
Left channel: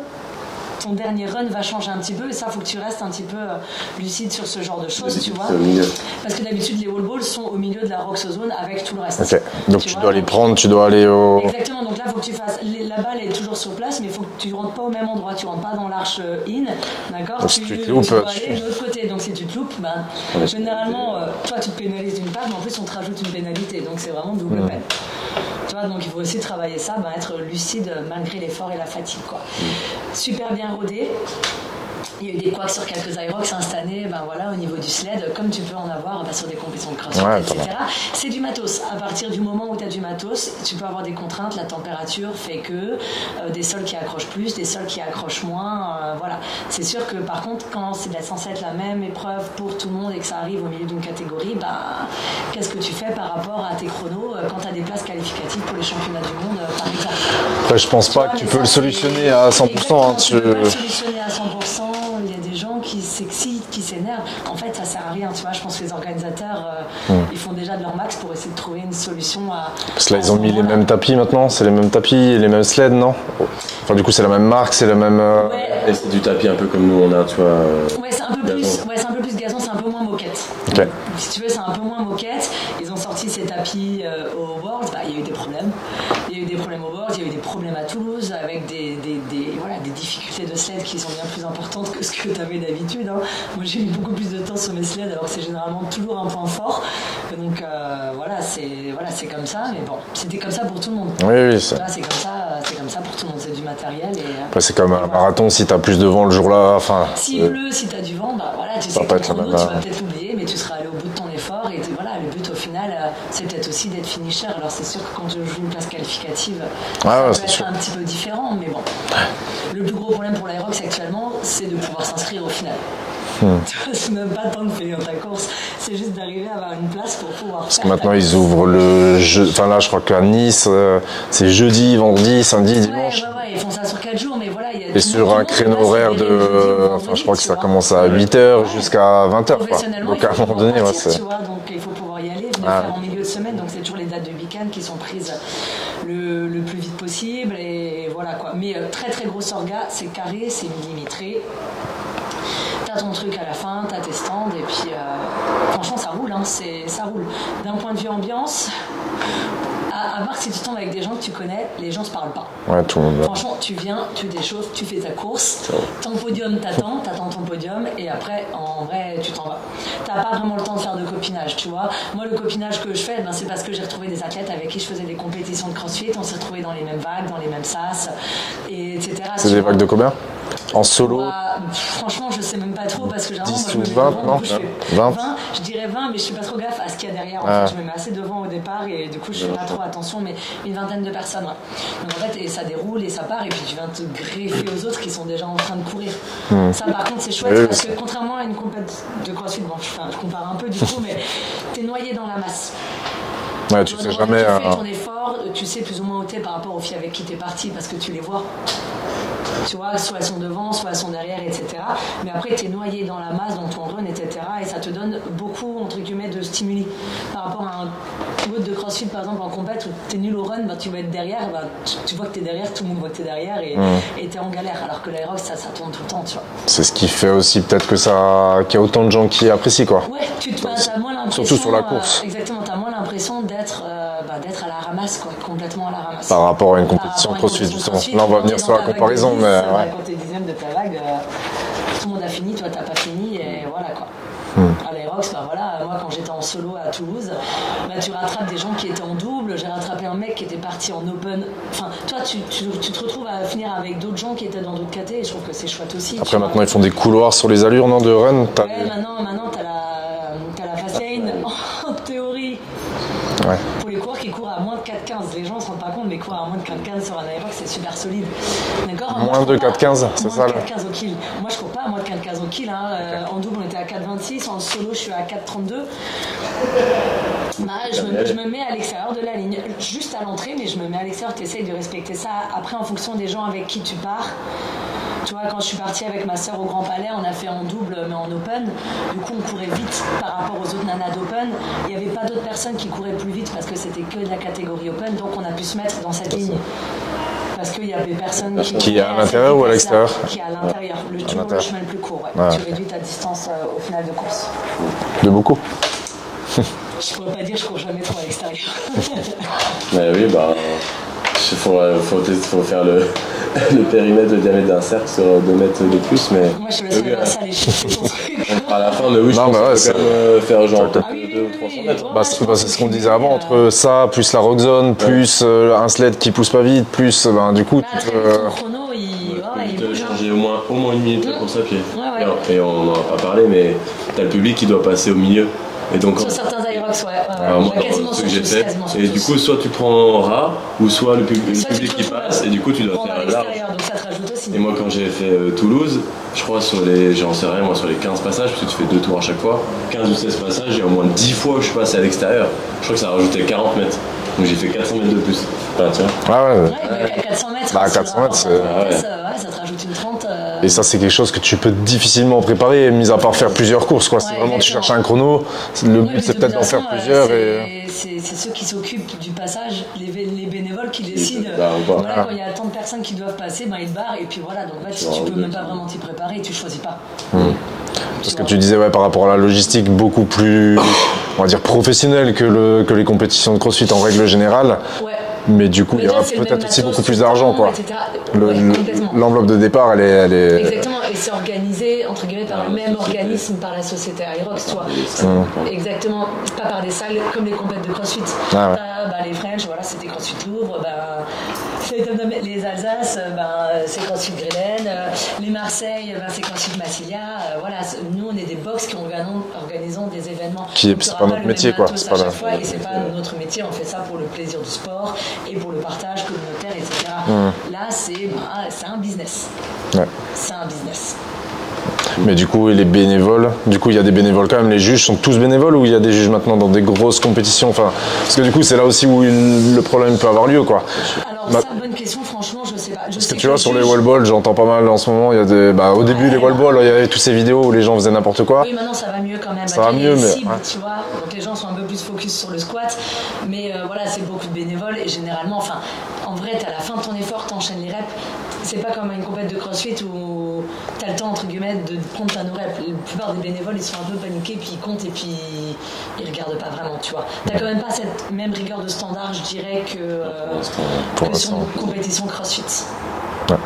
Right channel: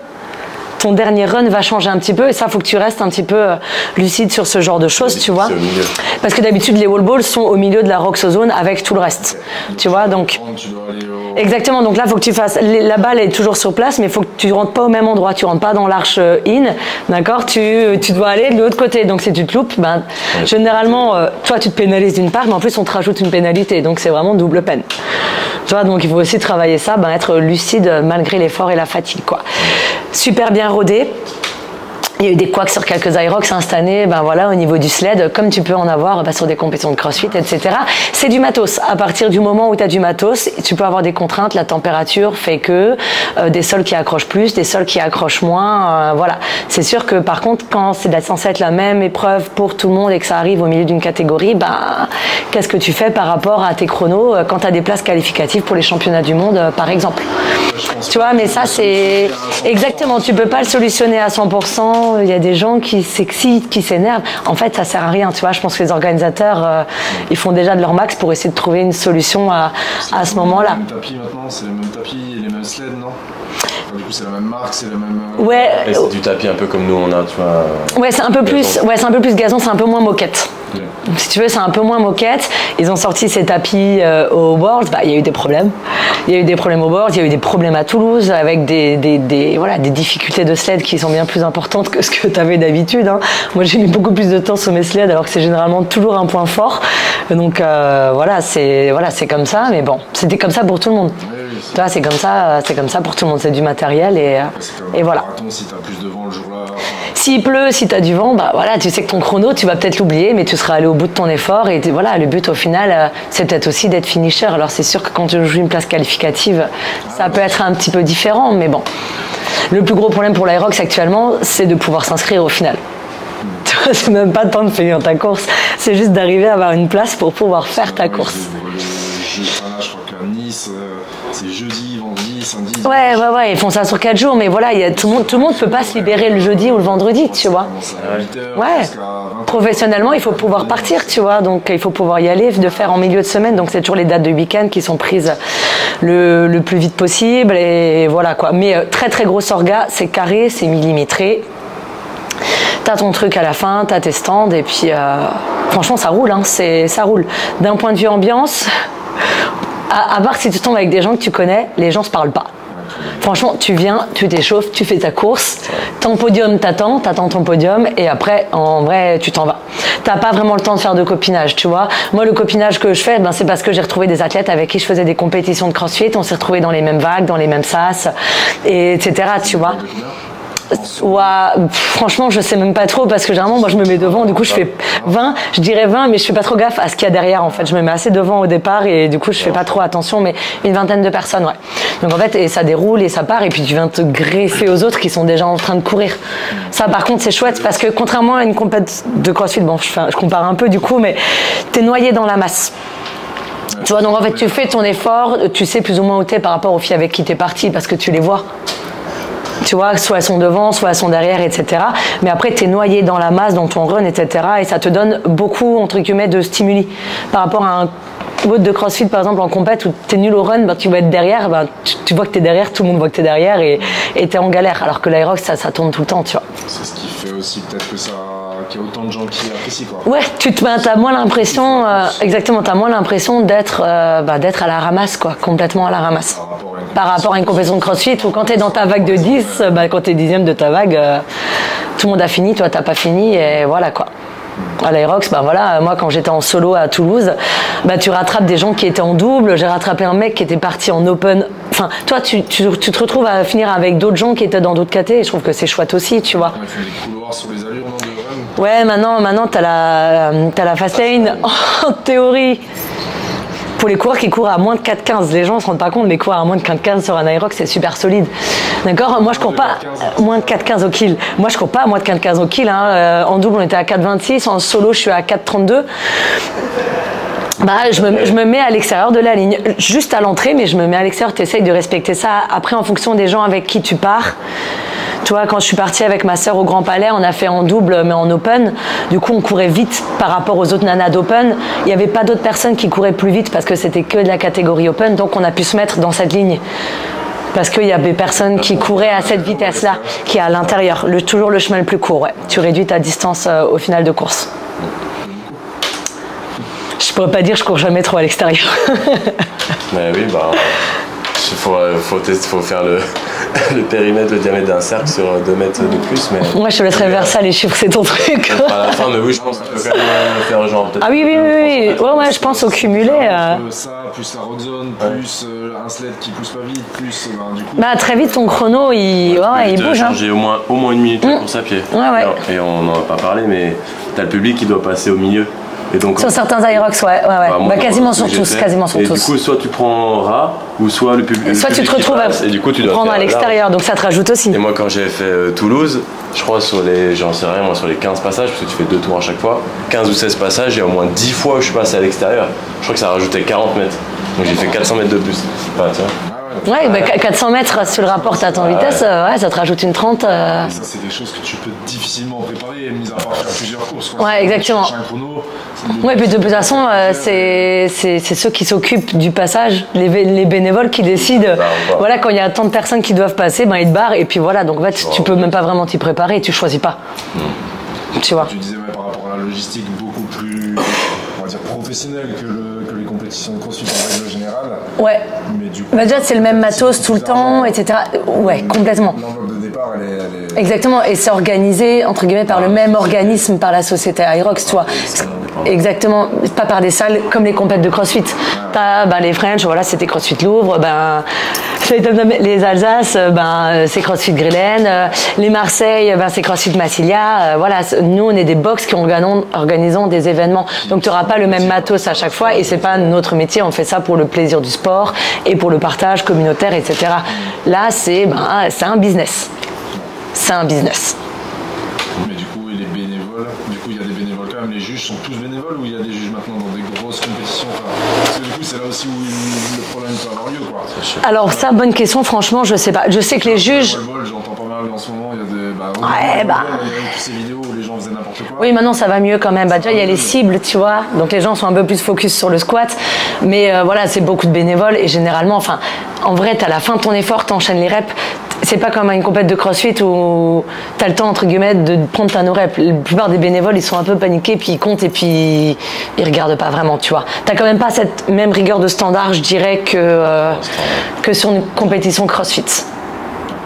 Ton dernier run va changer un petit peu, et ça, faut que tu restes un petit peu lucide sur ce genre de choses, tu vois. Parce que d'habitude, les wall balls sont au milieu de la rock zone avec tout le reste. Okay. Donc tu dois les prendre, tu dois aller au... Exactement, donc là, il faut que tu fasses... La balle est toujours sur place, mais il faut que tu ne rentres pas au même endroit. Tu ne rentres pas dans l'arche in, d'accord? Tu dois aller de l'autre côté. Donc si tu te loupes, généralement, toi, tu te pénalises d'une part, mais en plus, on te rajoute une pénalité. Donc c'est vraiment double peine. Tu vois, donc il faut aussi travailler ça, être lucide malgré l'effort et la fatigue, quoi. Super bien rodé. Il y a eu des couacs sur quelques Irox instantanés, au niveau du sled, comme tu peux en avoir sur des compétitions de crossfit, etc. C'est du matos. À partir du moment où tu as du matos, tu peux avoir des contraintes. La température fait que des sols qui accrochent plus, des sols qui accrochent moins. Voilà. C'est sûr que par contre, quand c'est censé être la même épreuve pour tout le monde et que ça arrive au milieu d'une catégorie, qu'est-ce que tu fais par rapport à tes chronos quand tu as des places qualificatives pour les championnats du monde, par exemple? Je pense pas que tu peux le solutionner à 100%. Exactement, tu peux pas le solutionner à 100%. Il y a des gens qui s'excitent, qui s'énervent. En fait, ça sert à rien, tu vois. Je pense que les organisateurs, ils font déjà de leur max pour essayer de trouver une solution à ce moment-là. C'est les mêmes tapis maintenant, c'est les mêmes tapis, les mêmes sleds, non? Enfin, du coup, c'est la même marque, c'est la même. Ouais. Et c'est du tapis un peu comme nous on a, tu vois. Ouais, c'est un peu plus. Ouais, c'est un peu plus gazon, c'est un peu moins moquette. Okay. Si tu veux, c'est un peu moins moquette. Ils ont sorti ces tapis au Worlds. Il y a eu des problèmes. Il y a eu des problèmes au Worlds. Il y a eu des problèmes à Toulouse avec des difficultés de sled qui sont bien plus importantes que ce que tu avais d'habitude. Hein. Moi, j'ai mis beaucoup plus de temps sur mes sleds alors que c'est généralement toujours un point fort. Donc c'est comme ça. Mais bon, c'était comme ça pour tout le monde. Oui, tu vois, c'est comme ça pour tout le monde. C'est du matériel et. Après, c'est comme un marathon. Si tu as plus de vent le jour-là. S'il pleut, si tu as du vent, tu sais que ton chrono, tu vas peut-être l'oublier, mais tu seras allé au bout de ton effort. Et voilà, le but au final, c'est peut-être aussi d'être finisher. Alors c'est sûr que quand tu joues une place qualificative, ça peut être un petit peu différent, mais bon. Le plus gros problème pour l'Irox actuellement, c'est de pouvoir s'inscrire au final. C'est même pas le temps de finir ta course, c'est juste d'arriver à avoir une place pour pouvoir faire ta course. Maintenant, ils ouvrent le jeu. Enfin là, je crois qu'à Nice, c'est jeudi, vendredi, samedi, dimanche. Ouais, ils font ça sur 4 jours, mais voilà, tout le monde ne peut pas se libérer le jeudi ou le vendredi, tu vois. Ça commence à 8h jusqu'à 20h. Professionnellement, il faut pouvoir partir, tu vois, donc il faut pouvoir y aller, faire en milieu de semaine, donc c'est toujours les dates de week-end qui sont prises le plus vite possible, et voilà quoi. Mais très très grosse orga, c'est carré, c'est millimétré. T'as ton truc à la fin, t'as tes stands, et puis franchement ça roule, ça roule. D'un point de vue ambiance, à part si tu tombes avec des gens que tu connais, les gens se parlent pas. Franchement, tu viens, tu t'échauffes, tu fais ta course, ton podium t'attends ton podium, et après, en vrai, tu t'en vas. T'as pas vraiment le temps de faire de copinage, tu vois. Moi, le copinage que je fais, c'est parce que j'ai retrouvé des athlètes avec qui je faisais des compétitions de crossfit, on s'est retrouvés dans les mêmes vagues, dans les mêmes sas, etc. Tu vois. Vagues de combien? En solo? Franchement, je sais même pas trop parce que généralement, moi je me mets devant, du coup je fais 20, je dirais 20, mais je fais pas trop gaffe à ce qu'il y a derrière en fait. Je me mets assez devant au départ et du coup je fais pas trop attention, mais une vingtaine de personnes, ouais. Donc en fait, et ça déroule et ça part et puis tu viens te greffer aux autres qui sont déjà en train de courir. Ça par contre, c'est chouette parce que contrairement à une compète de crossfit, bon, je compare un peu du coup, mais t'es noyé dans la masse. Tu vois, donc en fait, tu fais ton effort, tu sais plus ou moins où t'es par rapport aux filles avec qui t'es parti parce que tu les vois. Tu vois, soit elles sont devant, soit elles sont derrière, etc. Mais après, tu es noyé dans la masse, dans ton run, etc. Et ça te donne beaucoup, entre guillemets, de stimuli. Par rapport à un WOD de CrossFit, par exemple, en compète, où tu es nul au run, tu vas être derrière, tu vois que tu es derrière, tout le monde voit que tu es derrière et tu es en galère. Alors que l'Aerox, ça tourne tout le temps, tu vois. C'est ce qui fait aussi peut-être qu'il y a autant de gens qui apprécient, quoi. Ouais, t'as moins l'impression, exactement, t'as moins l'impression d'être à la ramasse, quoi, complètement à la ramasse. Par rapport à une compétition de CrossFit, ou quand t'es dans ta vague de 10, quand t'es 10e de ta vague, tout le monde a fini, toi t'as pas fini, et voilà, quoi. À l'Aerox, voilà, moi quand j'étais en solo à Toulouse, tu rattrapes des gens qui étaient en double. J'ai rattrapé un mec qui était parti en open. Enfin, toi, tu te retrouves à finir avec d'autres gens qui étaient dans d'autres KT, et je trouve que c'est chouette aussi. Après, tu vois. Maintenant, ils font des couloirs sur les allures, non, de run. Ouais, maintenant t'as la fast lane en théorie. Ouais. Pour les coureurs qui courent à moins de 4,15, les gens ne se rendent pas compte, mais courir à moins de 4,15 sur un Aerox, c'est super solide. D'accord. Moi, je cours pas moins de 4,15 au kill. Moi, je cours pas à moins de 4,15 au kill. En double, on était à 4,26. En solo, je suis à 4,32. Je me mets à l'extérieur de la ligne, juste à l'entrée, mais je me mets à l'extérieur. Tu essayes de respecter ça. Après, en fonction des gens avec qui tu pars. Tu vois, quand je suis partie avec ma sœur au Grand Palais, on a fait en double mais en open. Du coup, on courait vite par rapport aux autres nanas d'open. Il n'y avait pas d'autres personnes qui couraient plus vite parce que c'était que de la catégorie open. Donc, on a pu se mettre dans cette ligne. Parce qu'il y avait personne qui courait à cette vitesse-là, qui est à l'intérieur. Toujours le chemin le plus court, ouais. Tu réduis ta distance au final de course. De beaucoup. Je pourrais pas dire je cours jamais trop à l'extérieur. Mais oui, faut faire le périmètre, le diamètre d'un cercle sur 2 mètres de plus. Mais moi, je te laisserai vers ça, les chiffres, c'est ton truc. À la fin, mais oui, je pense faire genre. Ah oui, je pense au cumulé. Entre ça, plus la rock zone, plus un sled qui pousse pas vite, plus du coup. Très vite, ton chrono, il bouge. J'ai au moins 1 minute de course à pied. Et on n'en a pas parlé, mais t'as le public qui doit passer au milieu. Et donc, sur certains Aerox, quasiment sur tous. Du coup, soit tu prends rat, ou soit le public. Soit tu te retrouves à prendre à l'extérieur, donc ça te rajoute aussi. Et moi, quand j'ai fait Toulouse, je crois sur les 15 passages, parce que tu fais 2 tours à chaque fois, 15 ou 16 passages, il y a au moins 10 fois où je suis passé à l'extérieur. Je crois que ça rajoutait 40 mètres. Donc j'ai fait 400 mètres de plus. Tu vois. 400 mètres, si tu le rapportes à ton vitesse, ça te rajoute une 30. Et ça, c'est quelque chose que tu peux difficilement préparer, mis à part faire plusieurs courses. Quoi. Exactement. Tu cherches un chrono. Puis de toute façon, c'est ceux qui s'occupent du passage, les bénévoles qui décident. Quand il y a tant de personnes qui doivent passer, ils te barrent. Et puis voilà, donc en fait, tu peux même pas vraiment t'y préparer et tu choisis pas. Tu disais par rapport à la logistique beaucoup plus, on va dire, professionnelle que les compétitions de CrossFit en règle générale. Ouais. Mais du coup, c'est le même matos tout le temps, etc. Complètement. L'enveloppe de départ, elle est... Exactement, et c'est organisé entre guillemets par le même organisme, par la société Aerox, tu vois. Exactement, pas par des salles comme les compètes de CrossFit. T'as les French, c'était CrossFit Louvre, les Alsace, c'est CrossFit Grillen, les Marseille, c'est CrossFit Massilia. Nous on est des box qui organisons des événements. Donc tu n'auras pas le même matos à chaque fois, et c'est pas notre métier, on fait ça pour le plaisir du sport et pour le partage communautaire, etc. Là, c'est un business. Ouais. C'est un business. Mais du coup, et les bénévoles, il y a des bénévoles quand même. Les juges sont tous bénévoles ou il y a des juges maintenant dans des grosses compétitions, parce que du coup, c'est là aussi où le problème peut avoir lieu, quoi. Alors ça, bonne question. Franchement, je sais pas. Je sais que les juges. Sur les wall balls, j'entends pas mal en ce moment. Il y a au début des wall balls, il y avait toutes ces vidéos où les gens faisaient n'importe quoi. Oui, maintenant ça va mieux quand même. Il y a les cibles, tu vois. Donc les gens sont un peu plus focus sur le squat. Mais c'est beaucoup de bénévoles et généralement, en vrai, t'as la fin de ton effort, t'enchaînes les reps. C'est pas comme une compète de CrossFit où t'as le temps, entre guillemets, de prendre ta no-rep. La plupart des bénévoles, ils sont un peu paniqués, puis ils comptent et puis ils regardent pas vraiment, tu vois. T'as quand même pas cette même rigueur de standard, je dirais, que sur une compétition CrossFit. Ouais.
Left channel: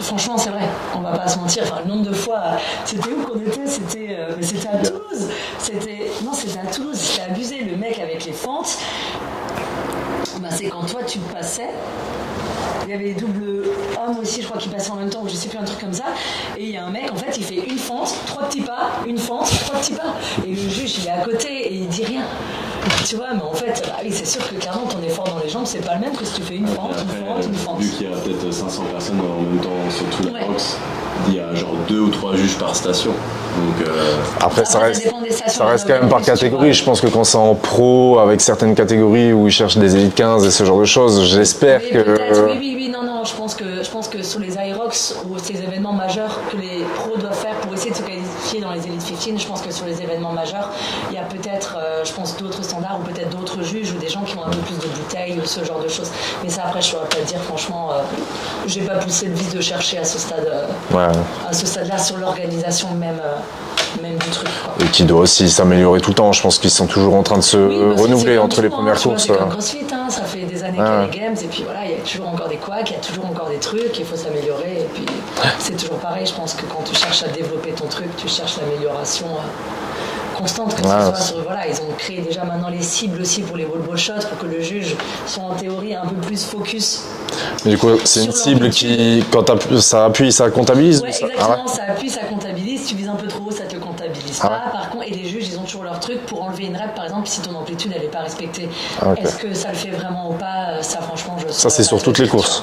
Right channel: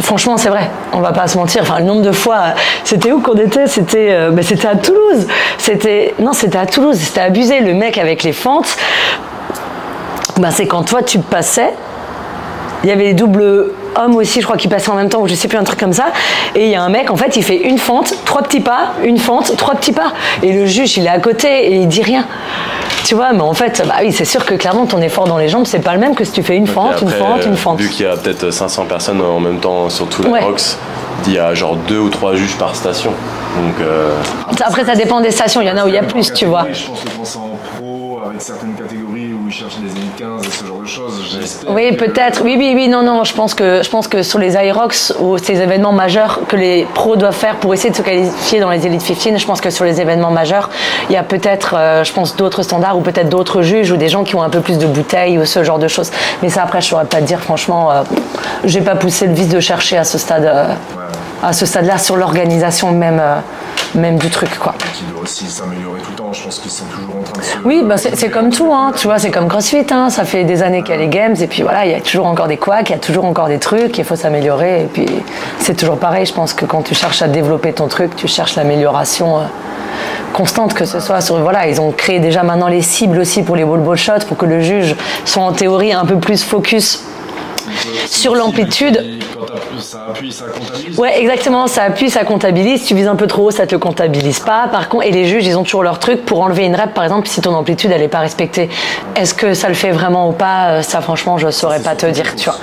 Franchement, c'est vrai, on va pas se mentir. Le nombre de fois, c'était où qu'on était ? C'était à Toulouse. C'était à Toulouse, c'était abusé. Le mec avec les fentes, c'est quand toi, tu passais. Il y avait les doubles hommes aussi, je crois, qui passaient en même temps, ou je sais plus, un truc comme ça. Et il y a un mec, en fait, il fait une fente, 3 petits pas, une fente, 3 petits pas. Et le juge, il est à côté et il dit rien. Tu vois, mais en fait, c'est sûr que clairement, ton effort dans les jambes, c'est pas le même que si tu fais une fente, une fente, une fente. Vu qu'il y a peut-être 500 personnes en même temps sur tout l'Aerox, il y a genre 2 ou 3 juges par station. Donc, après ça dépend des stations, il y en a où il y a plus, tu vois. Je pense que quand c'est en pro, avec certaines catégories où ils cherchent des élites 15 et ce genre de choses, j'espère oui, peut-être, oui, non, je pense que sur les Aerox ou ces événements majeurs que les pros doivent faire pour essayer de se qualifier dans les Elite 15, je pense que sur les événements majeurs, il y a peut-être, je pense, d'autres standards ou peut-être d'autres juges ou des gens qui ont un peu plus de bouteilles ou ce genre de choses. Mais ça, après, je saurais pas te dire, franchement, j'ai pas poussé le vice de chercher à ce stade, à ce stade-là sur l'organisation même du truc, quoi. Et qui doit aussi s'améliorer tout le temps. Je pense qu'ils sont toujours en train de se renouveler. C'est comme tout, hein, tu vois, c'est comme CrossFit, hein, ça fait des années qu'il y a les games et puis voilà, il y a toujours encore des couacs, il y a toujours encore des trucs, il faut s'améliorer et puis c'est toujours pareil. Je pense que quand tu cherches à développer ton truc, tu cherches l'amélioration constante, que ce soit sur, voilà, ils ont créé déjà maintenant les cibles aussi pour les ball shots pour que le juge soit en théorie un peu plus focus sur l'amplitude. Quand ça appuie, ça comptabilise. Ouais, exactement, ça appuie, ça comptabilise. Si tu vises un peu trop haut, ça te comptabilise pas. Par contre, et les juges, ils ont toujours leur truc pour enlever une rep, par exemple, si ton amplitude elle est pas respectée. Est-ce que ça le fait vraiment ou pas? Ça, franchement, je saurais pas te dire. Tu vois.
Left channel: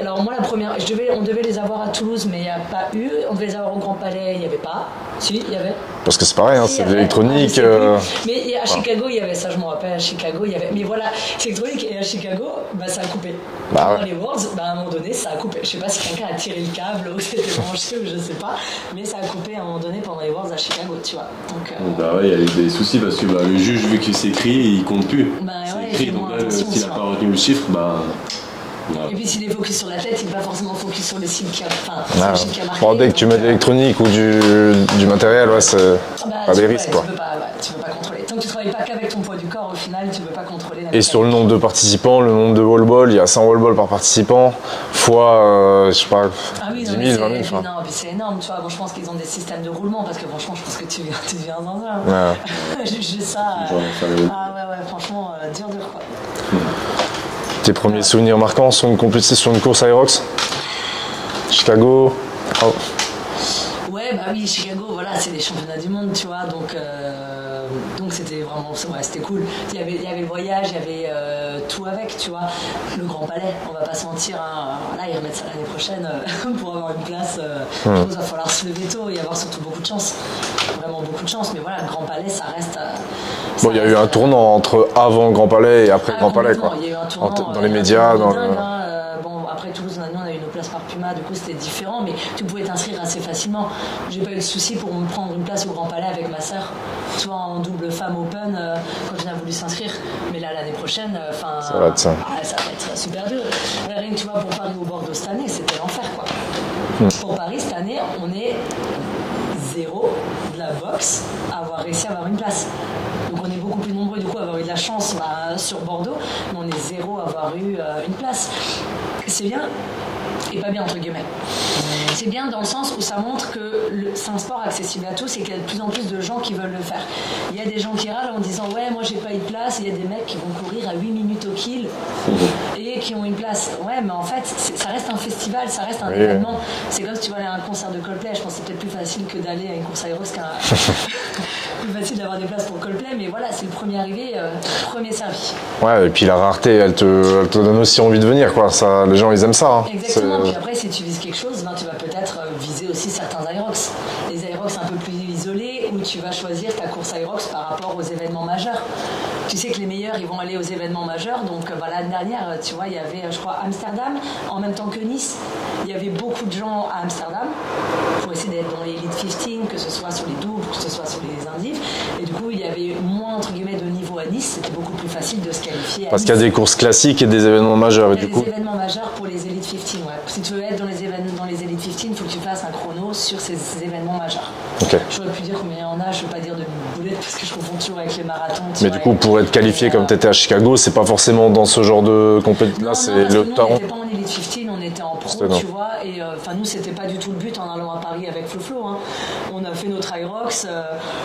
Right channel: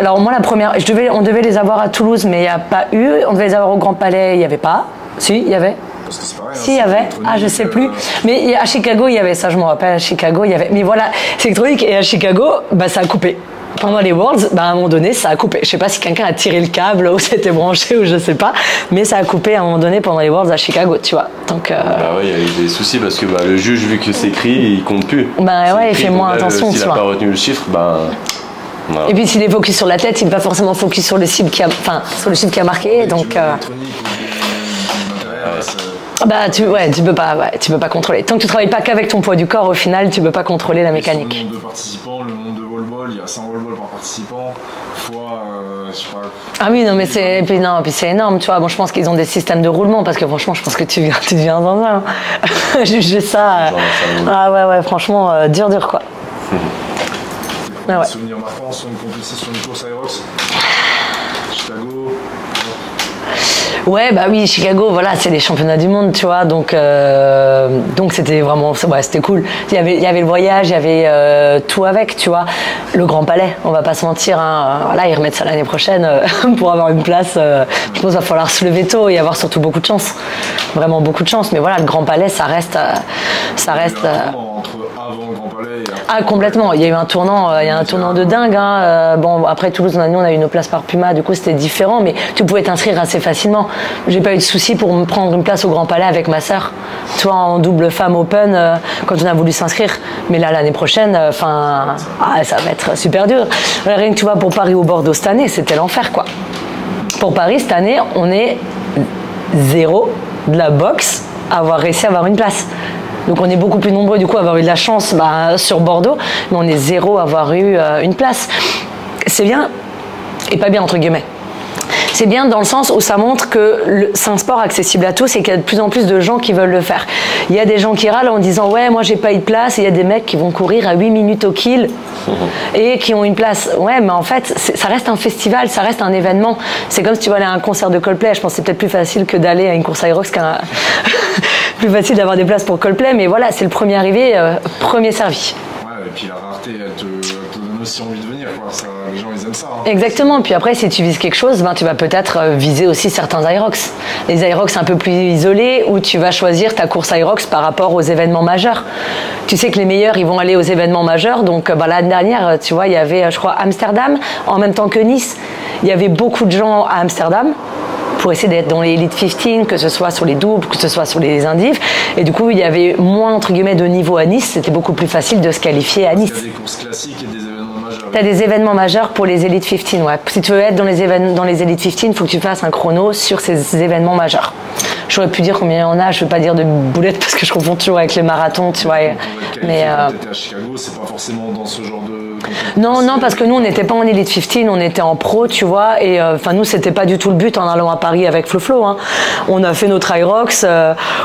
Alors moi, la première, on devait les avoir à Toulouse, mais il n'y a pas eu. On devait les avoir au Grand Palais, il n'y avait pas. Si, il y avait. Parce que c'est pareil, si, c'est électronique. Je sais plus. Mais à Chicago, il y avait ça, je me rappelle. À Chicago, il y avait. Mais voilà, c'est électronique et à Chicago, ça a coupé. Pendant les Worlds, à un moment donné, ça a coupé. Je sais pas si quelqu'un a tiré le câble ou c'était branché ou je sais pas, mais ça a coupé à un moment donné pendant les Worlds à Chicago, tu vois. Donc. il y a eu des soucis parce que le juge, vu que c'est écrit, il compte plus. Il fait moins attention, tu vois. S'il n'a pas retenu le chiffre, Et puis s'il est focus sur l'athlète, il n'est pas forcément focus sur le cible qui a, sur le cible qui a marqué. Dès que tu mets de l'électronique ou du matériel, tu peux pas contrôler. Tant que tu travailles pas qu'avec ton poids du corps, au final, tu peux pas contrôler la mécanique. Et sur le nombre de participants, le nombre de wall ball, il y a 100 wall ball par participant, fois, je sais pas. Ah oui, non, mais c'est énorme, tu vois. Bon, je pense qu'ils ont des systèmes de roulement parce que franchement, je pense que tu deviens dans un. Juger ça. Franchement, dur, quoi. Tes premiers souvenirs marquants sur une course Aerox? Chicago, hop. Ouais, oui, Chicago, voilà, c'est les championnats du monde, tu vois, donc c'était vraiment, c'était cool. Il y avait le voyage, il y avait tout avec, tu vois. Le Grand Palais, on va pas se mentir, hein, voilà, ils remettent ça l'année prochaine pour avoir une place. Je pense qu'il va falloir se lever tôt et avoir surtout beaucoup de chance, vraiment beaucoup de chance. Mais voilà, le Grand Palais, ça reste. Il y a eu un tournant entre avant le Grand Palais et après. Complètement. Il y a eu un tournant, de dingue. Après Toulouse, nous on a eu nos places par Puma, du coup c'était différent, mais tu pouvais t'inscrire assez facilement. J'ai pas eu de souci pour me prendre une place au Grand Palais avec ma sœur, tu vois, en double femme open quand on a voulu s'inscrire. Mais là, l'année prochaine, ça va être super dur. Rien que tu vois, pour Paris ou Bordeaux cette année, c'était l'enfer, quoi. Pour Paris cette année, on est 0 de la boxe à avoir réussi à avoir une place. Donc on est beaucoup plus nombreux du coup à avoir eu de la chance sur Bordeaux, mais on est 0 à avoir eu une place. C'est bien et pas bien entre guillemets. C'est bien dans le sens où ça montre que c'est un sport accessible à tous et qu'il y a de plus en plus de gens qui veulent le faire. Il y a des gens qui râlent en disant ouais, moi j'ai pas eu de place, et il y a des mecs qui vont courir à 8 minutes au kill et qui ont une place. Ouais, mais en fait ça reste un festival, ça reste un événement. C'est comme si tu vas aller à un concert de Coldplay. Je pense que c'est peut-être plus facile que d'aller à une course Aerox plus facile d'avoir des places pour Coldplay, mais voilà, c'est le premier arrivé, premier servi. Ouais, et puis la rareté, elle te donne aussi envie de venir, quoi. Ça, les gens, ils aiment ça. Hein. Exactement. Puis après, si tu vises quelque chose, tu vas peut-être viser aussi certains Aerox. Les Aerox un peu plus isolés, où tu vas choisir ta course Aerox par rapport aux événements majeurs. Tu sais que les meilleurs, ils vont aller aux événements majeurs. Donc, l'année dernière, tu vois, il y avait, je crois, Amsterdam, en même temps que Nice. Il y avait beaucoup de gens à Amsterdam pour essayer d'être dans les Elite 15, que ce soit sur les doubles, que ce soit sur les indifs. Et du coup, il y avait moins, entre guillemets, de niveau à Nice. C'était beaucoup plus facile de se qualifier à Nice. Parce qu'il y a des courses classiques et des événements majeurs. Il y a des événements majeurs pour les Elite 15, ouais. Si tu veux être dans les Elite 15, il faut que tu fasses un chrono sur ces événements majeurs. Okay. J'aurais pu dire combien il y en a, je ne veux pas dire de boulettes parce que je confonds toujours avec les marathons. Tu vois, du coup, pour être qualifié comme tu étais à Chicago, c'est pas forcément dans ce genre de compétition. Non, parce que nous, on n'était pas en Elite 15, on était en pro, tu vois. Et nous, c'était pas du tout le but en allant à Paris avec Flo. Hein. On a fait notre Aerox,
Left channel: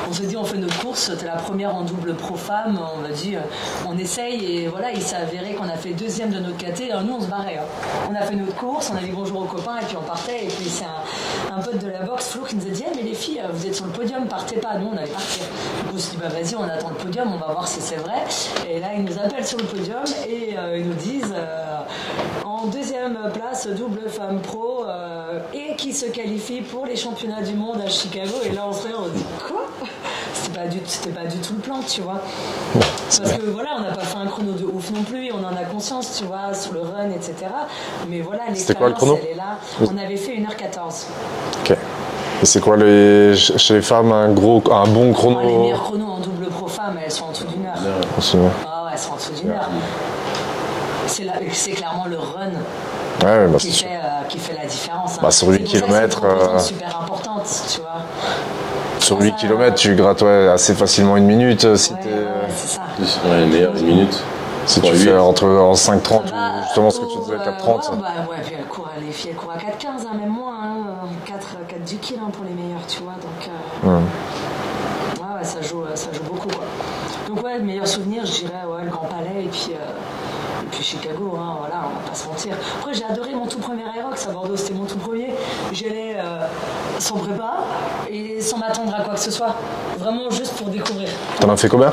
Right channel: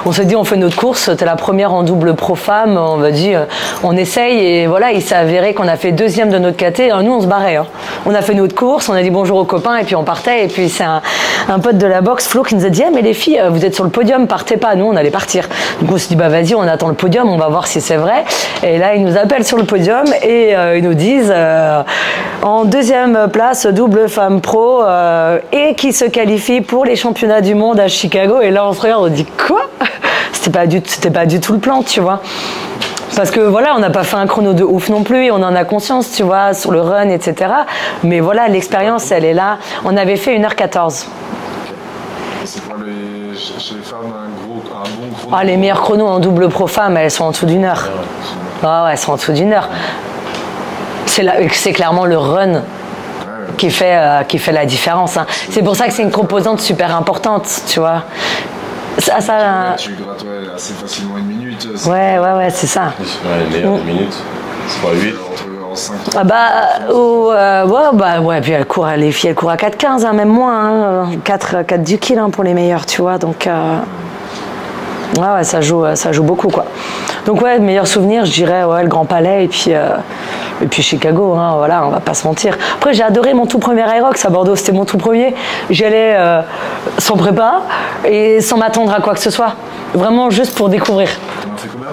on s'est dit on fait notre course, c'était la première en double pro-femme, on va dire on essaye et voilà, il s'est avéré qu'on a fait deuxième de notre caté, nous on se barrait. Hein. On a fait notre course, on a dit bonjour aux copains et puis on partait et puis c'est un pote de la boxe, Flo, qui nous a dit mais les filles, vous êtes sur le podium, partez pas, nous on allait partir. Donc on s'est dit vas-y, on attend le podium, on va voir si c'est vrai. Et là ils nous appellent sur le podium et ils nous disent en deuxième place double femme pro et qui se qualifie pour pour les championnats du monde à Chicago. Et là, on se regarde, on dit quoi? C'était pas du tout le plan, tu vois. Parce que voilà, on n'a pas fait un chrono de ouf non plus, et on en a conscience, tu vois, sur le run, etc. Mais voilà, l'expérience, elle est là. On avait fait 1h14. Ok. Et c'est quoi chez les femmes un bon chrono? Les meilleurs chronos en double pro femmes, elles sont en dessous d'1 heure. Ouais, elles sont en dessous d'1 heure. C'est clairement le run. Qui fait la différence. Hein. C'est pour ça que c'est une composante super importante, tu vois. Sur 8 km, tu grattes assez facilement 1 minute. Ouais, c'est ça. Une meilleure 10 minutes. Si tu fais en 5,30. Puis les filles, elles courent à 4,15, hein, même moins. 4 du kill pour les meilleures, tu vois. Donc, ça joue beaucoup, quoi. Donc, meilleur souvenir, je dirais, le Grand Palais et puis Chicago, hein, voilà, on va pas se mentir. Après, j'ai adoré mon tout premier Aerox à Bordeaux, c'était mon tout premier. J'y allais sans prépa et sans m'attendre à quoi que ce soit. Vraiment juste pour découvrir. T'en as fait combien?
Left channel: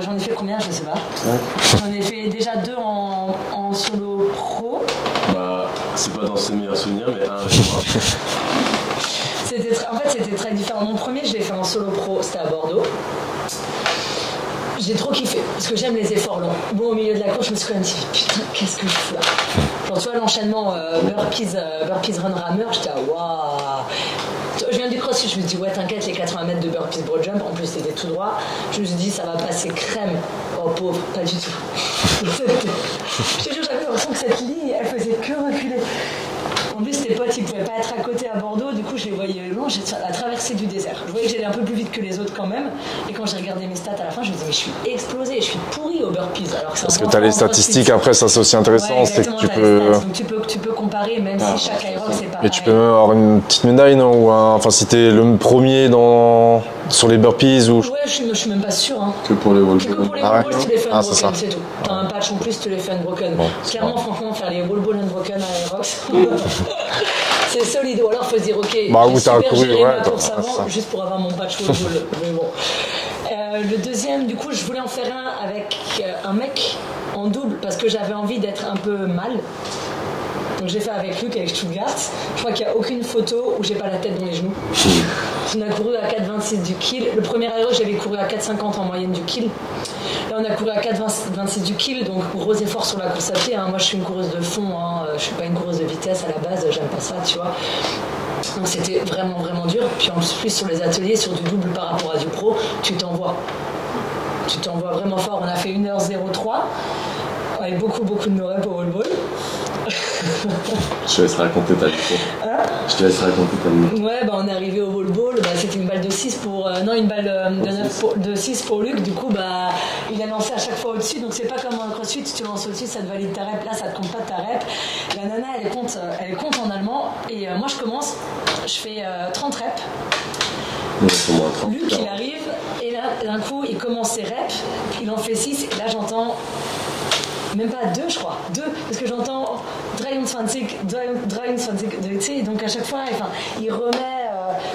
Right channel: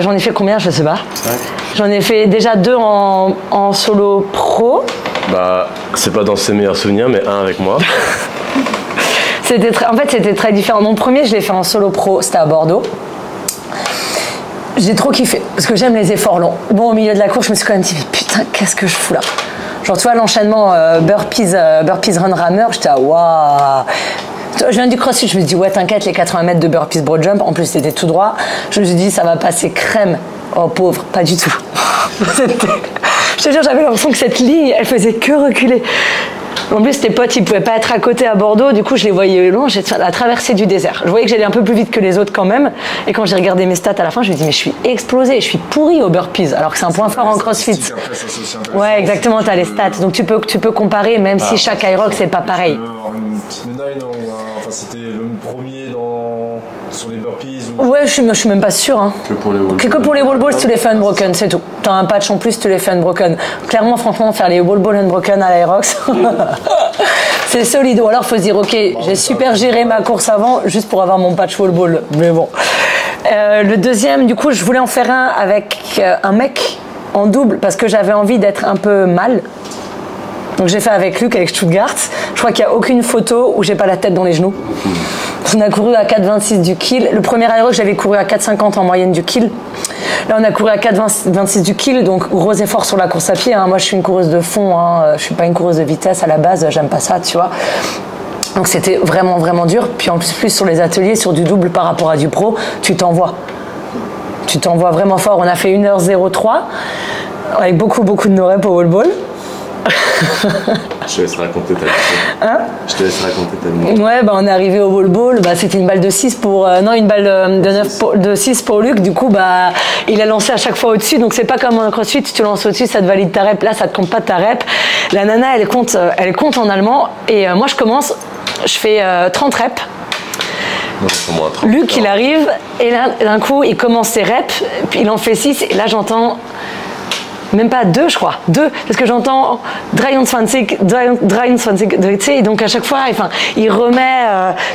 J'en ai fait combien? Je sais pas. Ouais. J'en ai fait déjà 2 en solo pro. C'est pas dans ses meilleurs souvenirs, mais un avec moi. C'était très différent. Mon premier, je l'ai fait en solo pro, c'était à Bordeaux. J'ai trop kiffé, parce que j'aime les efforts longs. Bon, au milieu de la course, je me suis quand même dit, putain, qu'est-ce que je fous là? Genre, tu vois, l'enchaînement burpees run rammer, j'étais waouh. Je viens du crossfit, je me suis dit, t'inquiète, les 80 mètres de burpees broad jump, en plus c'était tout droit. Je me suis dit, ça va passer crème. Oh pauvre, pas du tout. Je te jure, j'avais l'impression que cette ligne, elle faisait que reculer. En plus, tes potes, ils pouvaient pas être à côté à Bordeaux, du coup, je les voyais loin, j'étais à la traversée du désert. Je voyais que j'allais un peu plus vite que les autres quand même. Et quand j'ai regardé mes stats à la fin, je me dis, mais je suis explosée, je suis pourrie au burpees, alors que c'est un point fort en crossfit. Les statistiques, après, ça c'est aussi intéressant. Ouais, exactement, t'as les stats. Donc tu peux comparer, même si chaque Aerox, c'est pas pareil. Tu peux avoir une petite médaille, non? Enfin, si t'es le premier sur les burpees ou... Ouais, je suis même pas sûre. Hein. Que pour les wall balls. Que pour les wall balls, tu les fais unbroken, c'est tout. T'as un patch en plus, tu les fais unbroken. Clairement, franchement, faire les wall balls unbroken à l'Aerox, c'est solide. Ou alors, faut se dire, ok, j'ai super géré ma course avant, juste pour avoir mon patch wall ball. Mais bon. Le deuxième, du coup, je voulais en faire un avec un mec en double, parce que j'avais envie d'être un peu mal. Donc j'ai fait avec Luc, avec Stuttgart. Je crois qu'il n'y a aucune photo où j'ai pas la tête dans les genoux. On a couru à 4,26 du kill. Le premier Aerox, j'avais couru à 4,50 en moyenne du kill. Là, on a couru à 4,26 du kill, donc gros effort sur la course à pied. Hein. Moi, je suis une coureuse de fond. Hein. Je suis pas une coureuse de vitesse à la base. J'aime pas ça, tu vois. Donc c'était vraiment, vraiment dur. Puis en plus sur les ateliers, sur du double par rapport à du pro, tu t'envoies. Tu t'envoies vraiment fort. On a fait 1h03 avec beaucoup de no-rep au wall ball. Je te laisse raconter ta vie. Je te laisse raconter ta vie. Ouais, on est arrivé au wall ball, c'était une balle de 6 pour... une balle de 6 pour Luc. Du coup, il a lancé à chaque fois au-dessus. Donc, c'est pas comme un crossfit, tu lances au-dessus, ça te valide ta rep. Là, ça te compte pas ta rep. La nana, elle compte en allemand. Et moi, je commence, je fais 30 reps. Luc, il arrive, et là, d'un coup, il commence ses reps, puis il en fait 6, et là, j'entends... Même pas 2, je crois. 2, parce que j'entends 23, tu sais, donc à chaque fois, il remet,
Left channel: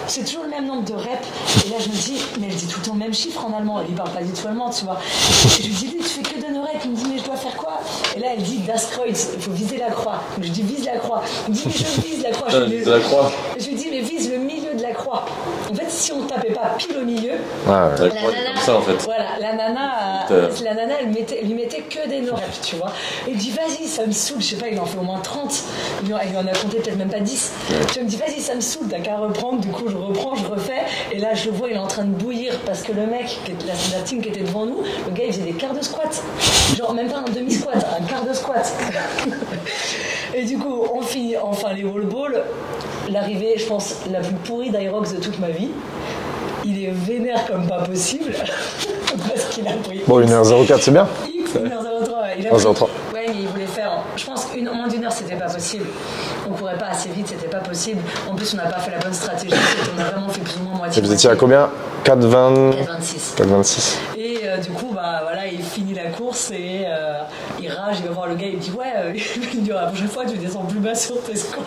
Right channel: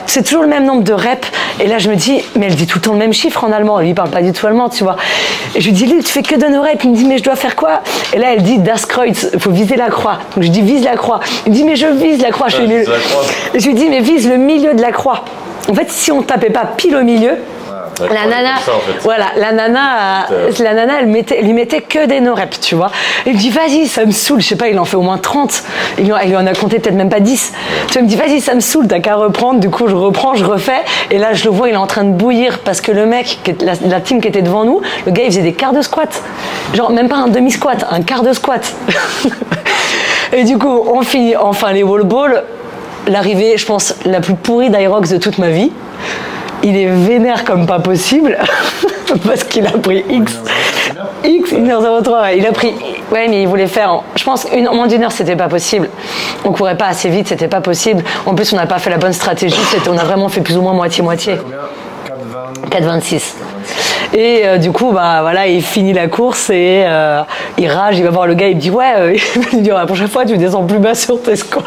c'est toujours le même nombre de reps. Et là, je me dis, mais elle dit tout le temps le même chiffre en allemand. Lui, il parle pas du tout allemand, tu vois. Et je lui dis, lui, tu fais que de nos reps. Il me dit, mais je dois faire quoi? Et là, elle dit, Das Kreuz, il faut viser la croix. Donc je dis, vise la croix. Il me dit, mais je vise la croix. Et je lui dis, mais vise le milieu de la croix. En fait, si on ne tapait pas pile au milieu, la nana, elle lui mettait que des no-reps, tu vois. Il me dit, vas-y, ça me saoule. Je sais pas, il en fait au moins 30. Il lui en a compté peut-être même pas 10. Tu vois, il me dit, vas-y, ça me saoule, t'as qu'à reprendre. Du coup, je reprends, je refais. Et là, je le vois, il est en train de bouillir parce que le mec, la team qui était devant nous, le gars, il faisait des quarts de squat. Genre, même pas un demi-squat, un quart de squat. Et du coup, on finit enfin les wall balls. L'arrivée, je pense, la plus pourrie d'Aerox de toute ma vie. Il est vénère comme pas possible parce qu'il a pris X. 1h04, c'est bien. X, 1h03. Il a pris. Ouais, mais il voulait faire. Je pense moins d'une heure, c'était pas possible. On courait pas assez vite, c'était pas possible. En plus, on n'a pas fait la bonne stratégie. On a vraiment fait plus ou moins moitié-moitié. À combien? 4,26. Et du coup, il finit la course et il rage, il va voir le gars, il me dit il me dit, la prochaine fois, tu descends plus bas sur tes squats.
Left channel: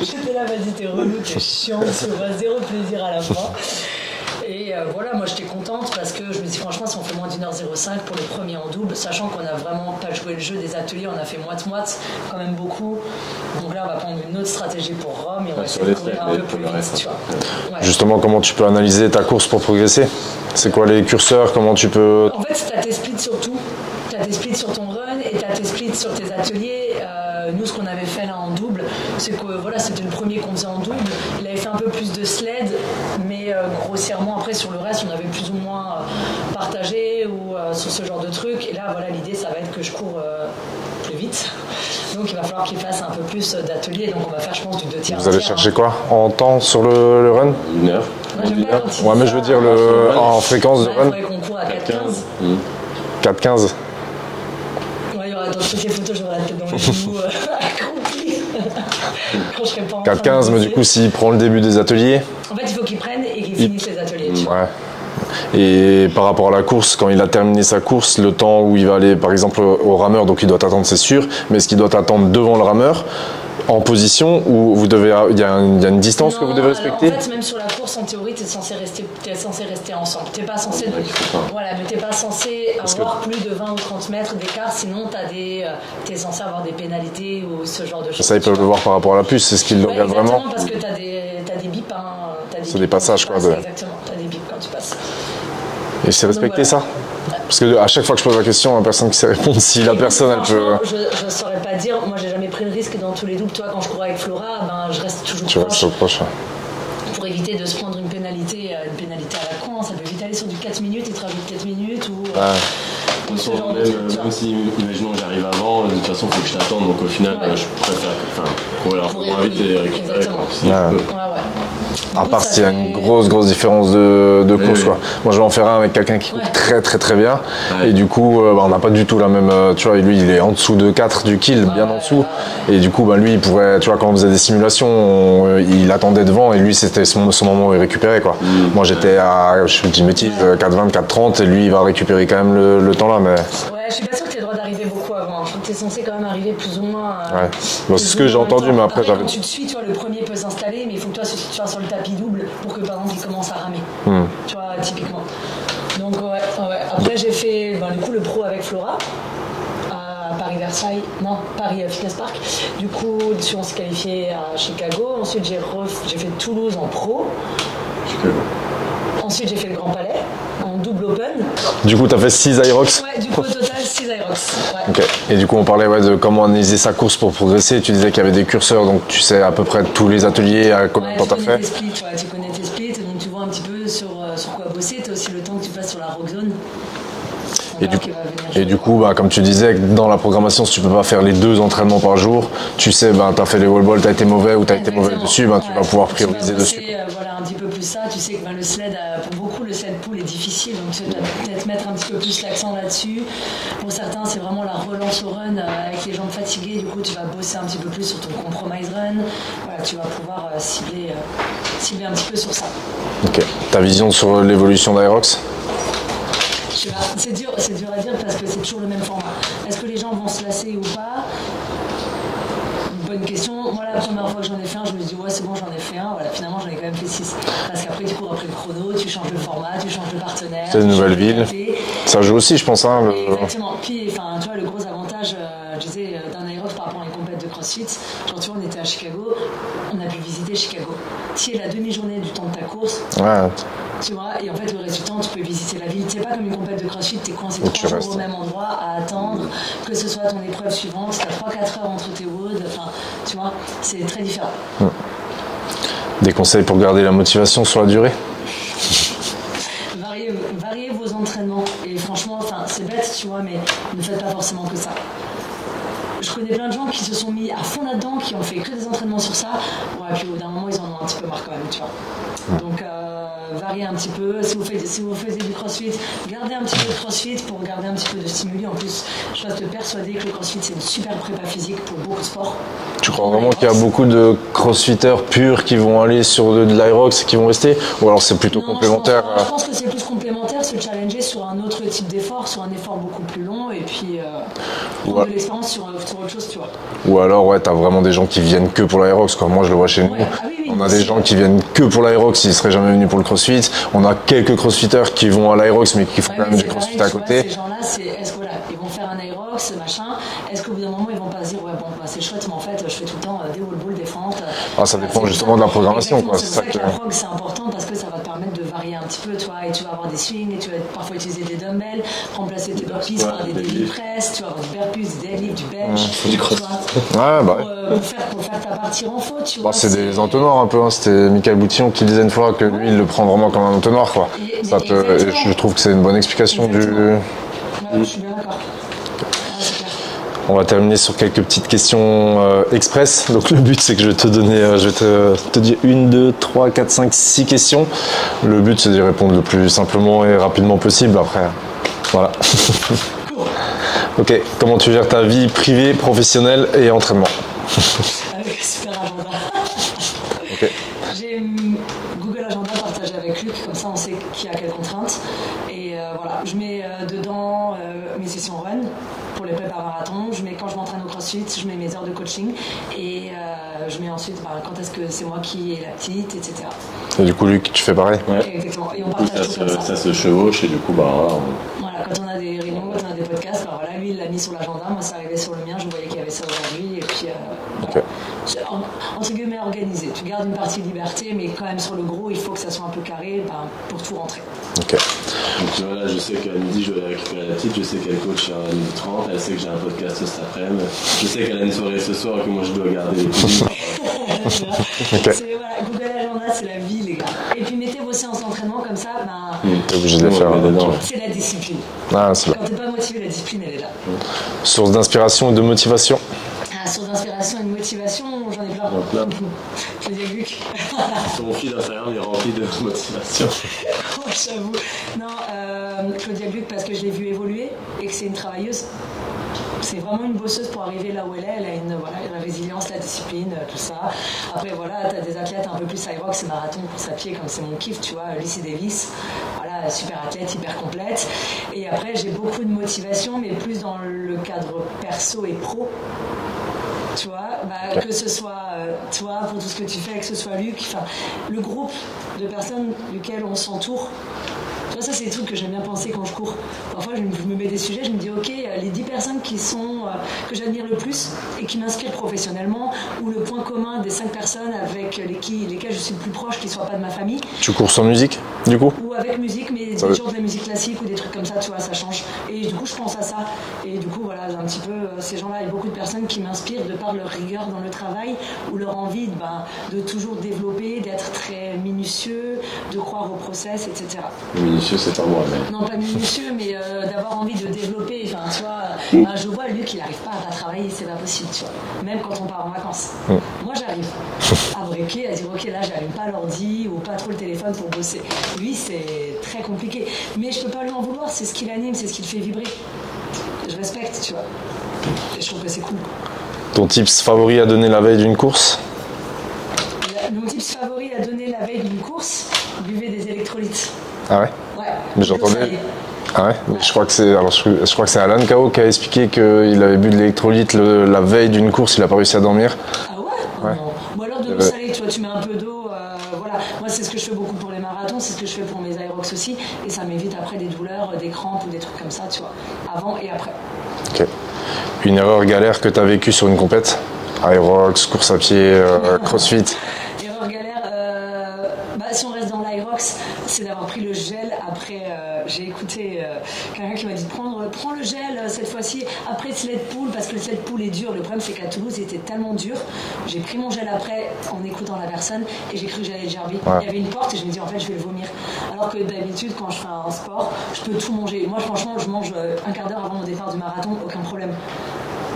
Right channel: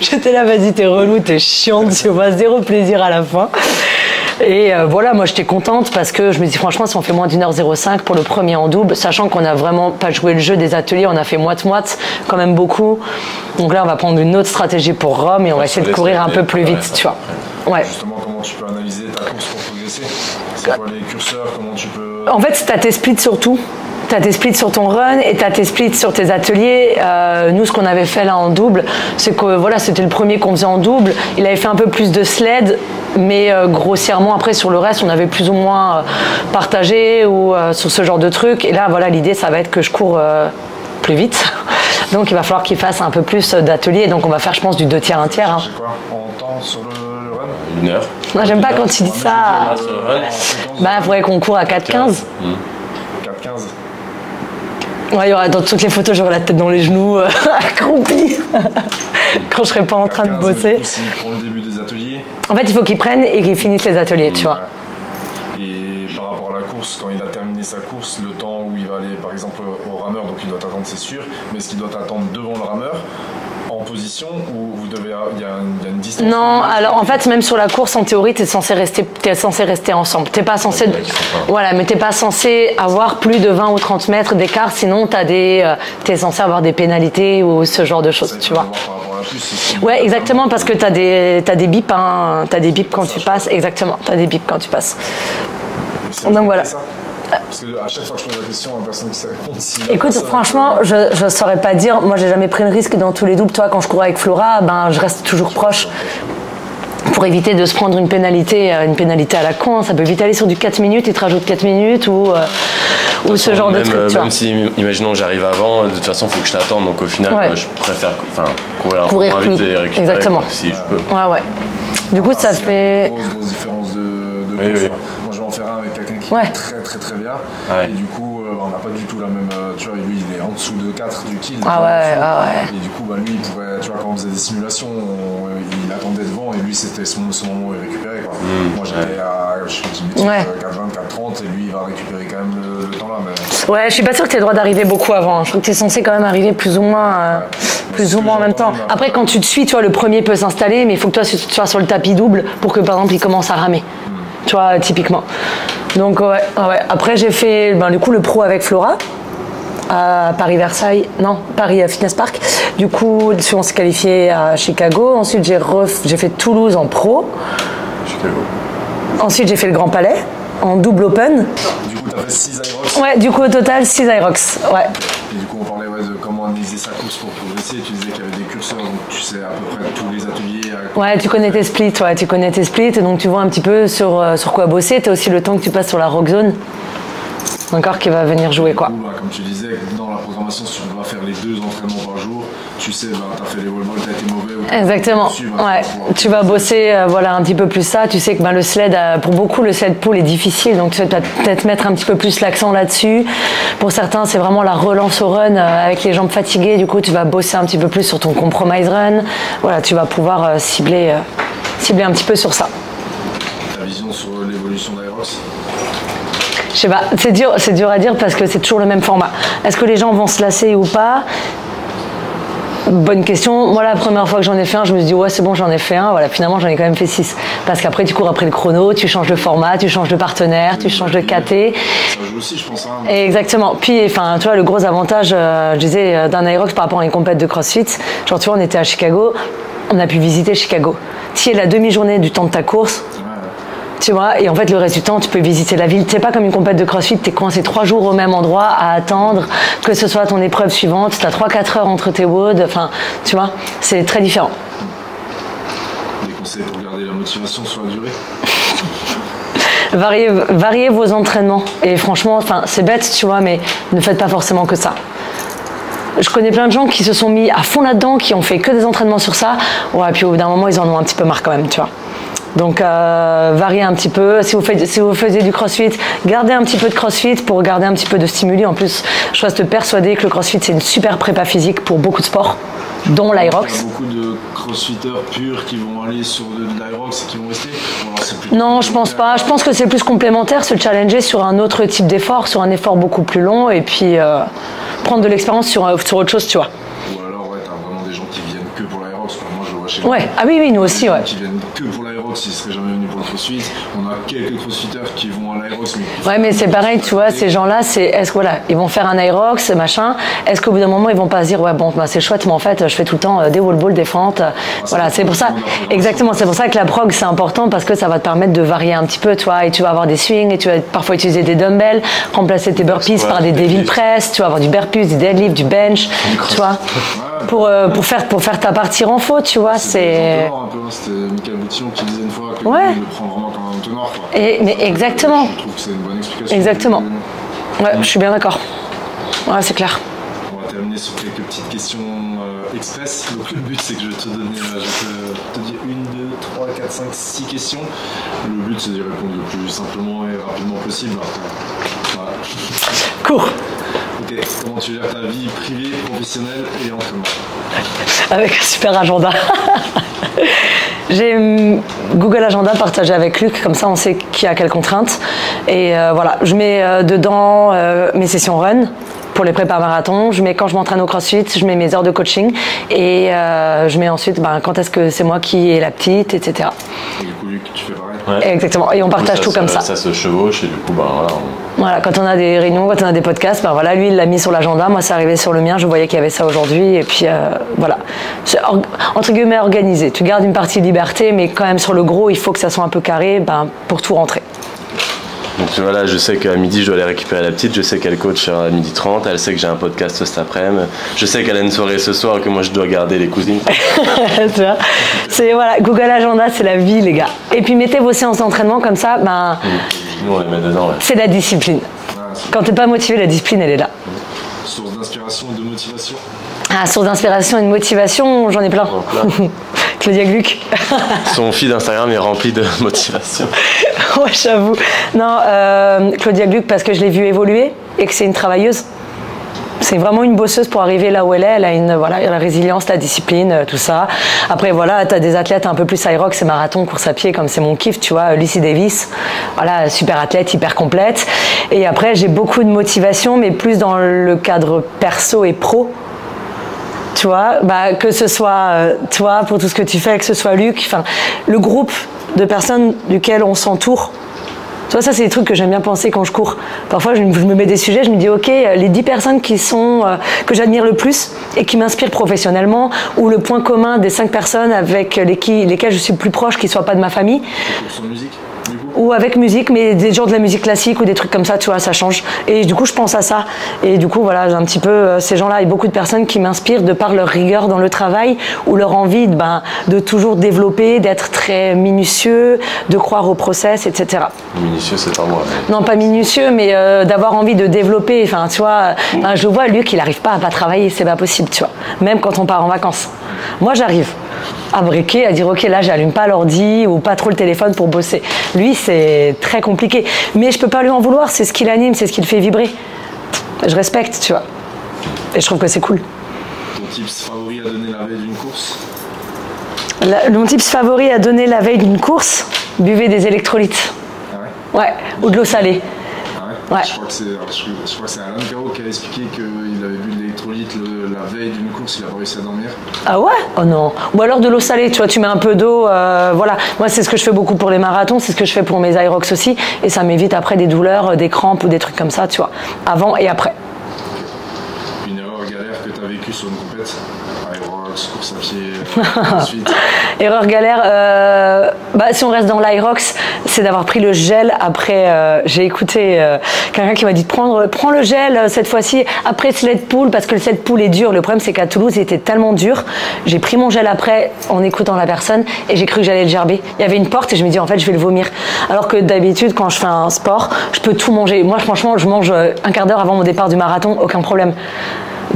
J'étais là, vas-y, t'es relou, t'es chiante, tu vois, zéro plaisir à la fin. Et voilà, moi j'étais contente parce que je me dis franchement si on fait moins d'1h05 pour le premier en double, sachant qu'on n'a vraiment pas joué le jeu des ateliers, on a fait moite-moite, quand même beaucoup. Donc là on va prendre une autre stratégie pour Rome et on va essayer de courir un peu plus vite, tu vois. Ouais. Justement, comment tu peux analyser ta course pour progresser? C'est quoi les curseurs? Comment tu peux... En fait, tu as tes splits surtout. Tu as tes splits sur ton run et tu as tes splits sur tes ateliers. Nous, ce qu'on avait fait là en double, c'est que voilà, c'était le premier qu'on faisait en double. Il avait fait un peu plus de sled, mais grossièrement, après, sur le reste, on avait plus ou moins partagé ou sur ce genre de trucs. Et là, voilà, l'idée, ça va être que je cours plus vite. Donc, il va falloir qu'il fasse un peu plus d'ateliers. Donc, on va faire, je pense, du 2 tiers, 1 tiers. Vous allez chercher quoi en temps sur le run? 1 heure. Moi, j'aime pas quand tu dis mais ça. je veux dire en fréquence de il run. faudrait qu'on court à 4,15. 4,15. Ouais, il y aura, dans toutes les photos, j'aurai la tête dans les genoux, accroupie, quand je serai pas en train de 4,15, bosser. mais du coup, s'il prend le début des ateliers... En fait, il faut qu'il prenne et qu'il finisse les ateliers, tu vois. Et par rapport à la course, quand il a terminé sa course, le temps où il va aller, par exemple, au rameur, donc il doit t'attendre, c'est sûr, mais est-ce qu'il doit t'attendre devant le rameur en position où vous devez, il y a une distance que vous Non, devez alors en respecter? fait, même sur la course, en théorie, t'es censé rester ensemble. T'es pas censé, voilà, mais t'es pas censé avoir plus de 20 ou 30 mètres d'écart, sinon t'es censé avoir des pénalités ou ce genre de choses. Ça, ils peuvent le voir par rapport à la puce, c'est ce qu'ils Ouais, veulent exactement, vraiment. parce que t'as des bips, hein, t'as des bips quand tu passes, quoi, exactement, t'as des bips quand tu passes. Et c'est respecté voilà. ça? Parce que à chaque fois que je pose la question, la personne qui sait répondre, si la Écoute, personne... franchement, je saurais pas dire. Moi, j'ai jamais pris le risque dans tous les doubles. Toi, quand je courais avec Flora, ben, je reste toujours proche. Pour éviter de se prendre une pénalité à la con, hein. Ça peut vite aller sur du 4 minutes, il te rajoute 4 minutes ou ce genre de truc. Même si, imaginons, j'arrive avant, de toute façon, il faut que je t'attende, donc au final, je préfère courir plus vite et récupérer. exactement. Si je peux. Ouais. Du coup, ça fait une grosse différence de course. Quoi. Moi, je vais en faire un avec quelqu'un qui court très très très bien. Et du coup, on n'a pas du tout la même. Tu vois, lui, il est en dessous de 4 du kill, bien en dessous. Et du coup, lui, il pourrait. Tu vois, quand on faisait des simulations, il attendait devant et lui, c'était son moment où il récupérait. Quoi. Moi, j'étais à, je dis bêtise, 4,20, 4,30 et lui, il va récupérer quand même le temps là. Mais... Ouais, je suis pas sûre que tu aies le droit d'arriver beaucoup avant. Je crois que tu es censé quand même arriver plus ou moins, plus ou moins en même temps. Après, quand tu te suis, tu vois, le premier peut s'installer, mais il faut que toi, tu sois sur le tapis double pour que, par exemple, il commence à ramer. Tu vois, typiquement. Donc, ouais. Après, j'ai fait du coup le pro avec Flora. À Paris-Versailles, non, Paris Fitness Park. Du coup, on s'est qualifié à Chicago. Ensuite, j'ai fait Toulouse en pro. Chicago. Ensuite, j'ai fait le Grand Palais en double open. Du coup, tu as fait 6 Irox? Ouais, du coup, au total, 6 Irox. Ouais. Okay. Et du coup, on parlait de comment analyser sa course pour progresser. Tu disais qu'il y avait des curseurs, donc tu sais à peu près tous les ateliers. Ouais, tu connais tes splits, tu connais tes splits, donc tu vois un petit peu sur quoi bosser. Tu as aussi le temps que tu passes sur la rock zone. Encore qui va venir jouer. Et du coup, comme tu disais, dans la programmation, si tu peux pas faire les 2 entraînements par jour, tu sais, tu as fait les wall balls, tu as été mauvais ou tu as été mauvais dessus, tu vas pouvoir tu vas bosser un petit peu plus ça. Tu sais que le sled, pour beaucoup, le sled pull est difficile, donc tu vas peut-être mettre un petit peu plus l'accent là-dessus. Pour certains, c'est vraiment la relance au run avec les jambes fatiguées. Du coup, tu vas bosser un petit peu plus sur ton compromise run. Voilà, tu vas pouvoir cibler un petit peu sur ça. Ok. Ta vision sur l'évolution d'Irox? Je sais pas, c'est dur à dire parce que c'est toujours le même format. Est-ce que les gens vont se lasser ou pas? Bonne question. Moi, la première fois que j'en ai fait un, je me suis dit, ouais, c'est bon, j'en ai fait un. Voilà, finalement, j'en ai quand même fait 6. Parce qu'après, tu cours après le chrono, tu changes de format, tu changes de partenaire, tu changes de KT. Ça joue aussi, je pense. Exactement. Puis, tu vois, le gros avantage, je disais, d'un Irox par rapport à une compète de CrossFit, genre, tu vois, on était à Chicago, on a pu visiter Chicago. Tu es la demi-journée du temps de ta course. Ouais. Tu vois, et en fait, le reste du temps, tu peux visiter la ville. C'est pas comme une compète de CrossFit, t'es coincé 3 jours au même endroit à attendre que ce soit ton épreuve suivante. T'as 3-4 heures entre tes WOD. Enfin, tu vois, c'est très différent. Des conseils pour garder la motivation sur la durée? Variez vos entraînements. Et franchement, c'est bête, tu vois, mais ne faites pas forcément que ça. Je connais plein de gens qui se sont mis à fond là-dedans, qui ont fait que des entraînements sur ça. Ouais, puis au bout d'un moment, ils en ont un petit peu marre quand même, tu vois. Donc variez un petit peu. Si vous faisiez du crossfit, gardez un petit peu de crossfit pour garder un petit peu de stimuli. En plus, je reste persuadée que le crossfit, c'est une super prépa physique pour beaucoup de sports, dont l'Irox. Il y a beaucoup de crossfitters purs qui vont aller sur de l'Irox et qui vont rester? Ou alors c'est plutôt Non, je pense pas. Alors... Je pense que c'est plus complémentaire, se challenger sur un autre type d'effort, sur un effort beaucoup plus long et puis prendre de l'expérience sur autre chose, tu vois. Ou alors, ouais, t'as vraiment des gens qui viennent que pour l'Aerox, quoi. Moi, je le vois chez nous. Ouais. Ah oui, nous aussi. Des gens qui viennent que pour l'Aerox, ils seraient jamais venus pour le CrossFit. On a quelques CrossFitters qui vont à l'Aerox, mais qui font. Ouais, mais c'est pareil, tu vois, ces gens-là, est-ce que voilà, ils vont faire un Aerox, machin. Est-ce qu'au bout d'un moment, ils vont pas se dire, ouais, bon, bah, c'est chouette, mais en fait, je fais tout le temps des wall balls, des fentes. Voilà, c'est pour ça. Exactement, c'est pour ça que la prog, c'est important parce que ça va te permettre de varier un petit peu, tu vois, et tu vas avoir des swings, et tu vas parfois utiliser des dumbbells, remplacer tes burpees par des devil press, tu vas avoir du burpees, du deadlift, du bench, tu vois, pour faire ta partie renfort, tu vois. C'est des entonnoirs un peu, hein. C'était Michael Boutillon qui disait une fois que lui, il le prend vraiment comme un entonnoir, quoi. Exactement. Je trouve que c'est une bonne explication. Exactement. Ouais, je suis bien d'accord. Ouais, c'est clair. On va terminer sur quelques petites questions express. Donc le but, c'est que je vais te donner, te dire 1, 2, 3, 4, 5, 6 questions. Le but, c'est d'y répondre le plus simplement et rapidement possible. Après, voilà. Cours. Ok, comment tu gères ta vie privée, professionnelle et entraînement? Avec un super agenda. J'ai Google Agenda partagé avec Luc, comme ça on sait qui a quelles contraintes. Et voilà, je mets dedans mes sessions run pour les prépas marathon, je mets quand je m'entraîne au CrossFit, je mets mes heures de coaching et je mets ensuite quand est-ce que c'est moi qui est la petite, etc. Et du coup Luc, tu fais pareil? Ouais. Exactement, et on partage tout comme ça. Ça se chevauche et du coup voilà, quand on a des réunions, quand on a des podcasts, voilà, lui il l'a mis sur l'agenda, moi c'est arrivé sur le mien, je voyais qu'il y avait ça aujourd'hui et puis voilà. C'est entre guillemets organisé, tu gardes une partie de liberté mais quand même sur le gros il faut que ça soit un peu carré pour tout rentrer. Okay. Donc voilà, je sais qu'à midi je dois aller récupérer la petite, je sais qu'elle coach à 12h30, elle sait que j'ai un podcast cet après-midi, je sais qu'elle a une soirée ce soir et que moi je dois garder les codings. C'est voilà, Google Agenda c'est la vie les gars. Et puis mettez vos séances d'entraînement comme ça, c'est la discipline. Quand t'es pas motivé, la discipline elle est là. Source d'inspiration et de motivation? Source d'inspiration et de motivation, j'en ai plein. Claudia Gluck. Son feed Instagram est rempli de motivation. Ouais, j'avoue. Non, Claudia Gluck parce que je l'ai vue évoluer et que c'est une travailleuse. C'est vraiment une bosseuse pour arriver là où elle est. Elle a la résilience, la discipline, tout ça. Après, voilà, tu as des athlètes un peu plus Aerox et marathon, course à pied, comme c'est mon kiff, tu vois. Lucy Davis, voilà, super athlète, hyper complète. Et après, j'ai beaucoup de motivation, mais plus dans le cadre perso et pro. Tu vois, que ce soit toi pour tout ce que tu fais, que ce soit Luc, le groupe de personnes duquel on s'entoure. Tu vois, ça c'est des trucs que j'aime bien penser quand je cours. Parfois je me mets des sujets, je me dis ok, les 10 personnes qui sont, que j'admire le plus et qui m'inspirent professionnellement, ou le point commun des 5 personnes avec lesquelles je suis le plus proche, qui ne soient pas de ma famille. Tu cours sans musique du coup? Ou avec musique, mais des genres de la musique classique ou des trucs comme ça, tu vois, ça change. Et du coup je pense à ça. Et du coup voilà, j'ai un petit peu ces gens-là et beaucoup de personnes qui m'inspirent de par leur rigueur dans le travail ou leur envie de toujours développer, d'être très minutieux, de croire au process, etc. Minutieux, c'est pas moi. Mais... Non, pas minutieux, mais d'avoir envie de développer. Enfin, tu vois, je vois Luc, il n'arrive pas à pas travailler, c'est pas possible, tu vois. Même quand on part en vacances. Moi, j'arrive à briquer, à dire ok, là, j'allume pas l'ordi ou pas trop le téléphone pour bosser. Lui, c'est très compliqué. Mais je peux pas lui en vouloir, c'est ce qui l'anime, c'est ce qui le fait vibrer. Je respecte, tu vois. Et je trouve que c'est cool. Ton tips favori à donner la veille d'une course? Mon tips favori à donner la veille d'une course, buvez des électrolytes. Ah ouais? Ouais, ou de l'eau salée. Ah ouais, ouais. Je crois que c'est Alan Kao qui a expliqué qu'il avait bu de l'électrolyte la veille d'une course, il n'a pas réussi à dormir. Ah ouais? Oh non. Ou alors de l'eau salée, tu vois, tu mets un peu d'eau, voilà. Moi, c'est ce que je fais beaucoup pour les marathons, c'est ce que je fais pour mes Aerox aussi, et ça m'évite après des douleurs, des crampes ou des trucs comme ça, tu vois, avant et après. Ok. Une erreur galère que tu as vécue sur une compète? Aerox, course à pied, CrossFit. Erreur galère, si on reste dans l'Aerox, c'est d'avoir pris le gel après. J'ai écouté quelqu'un qui m'a dit prends le gel cette fois-ci après sled pull parce que le sled pull est dur. Le problème c'est qu'à Toulouse il était tellement dur. J'ai pris mon gel après en écoutant la personne et j'ai cru que j'allais le gerber. Ouais. Il y avait une porte et je me dis en fait je vais le vomir. Alors que d'habitude quand je fais un sport, je peux tout manger. Moi franchement je mange un quart d'heure avant mon départ du marathon, aucun problème.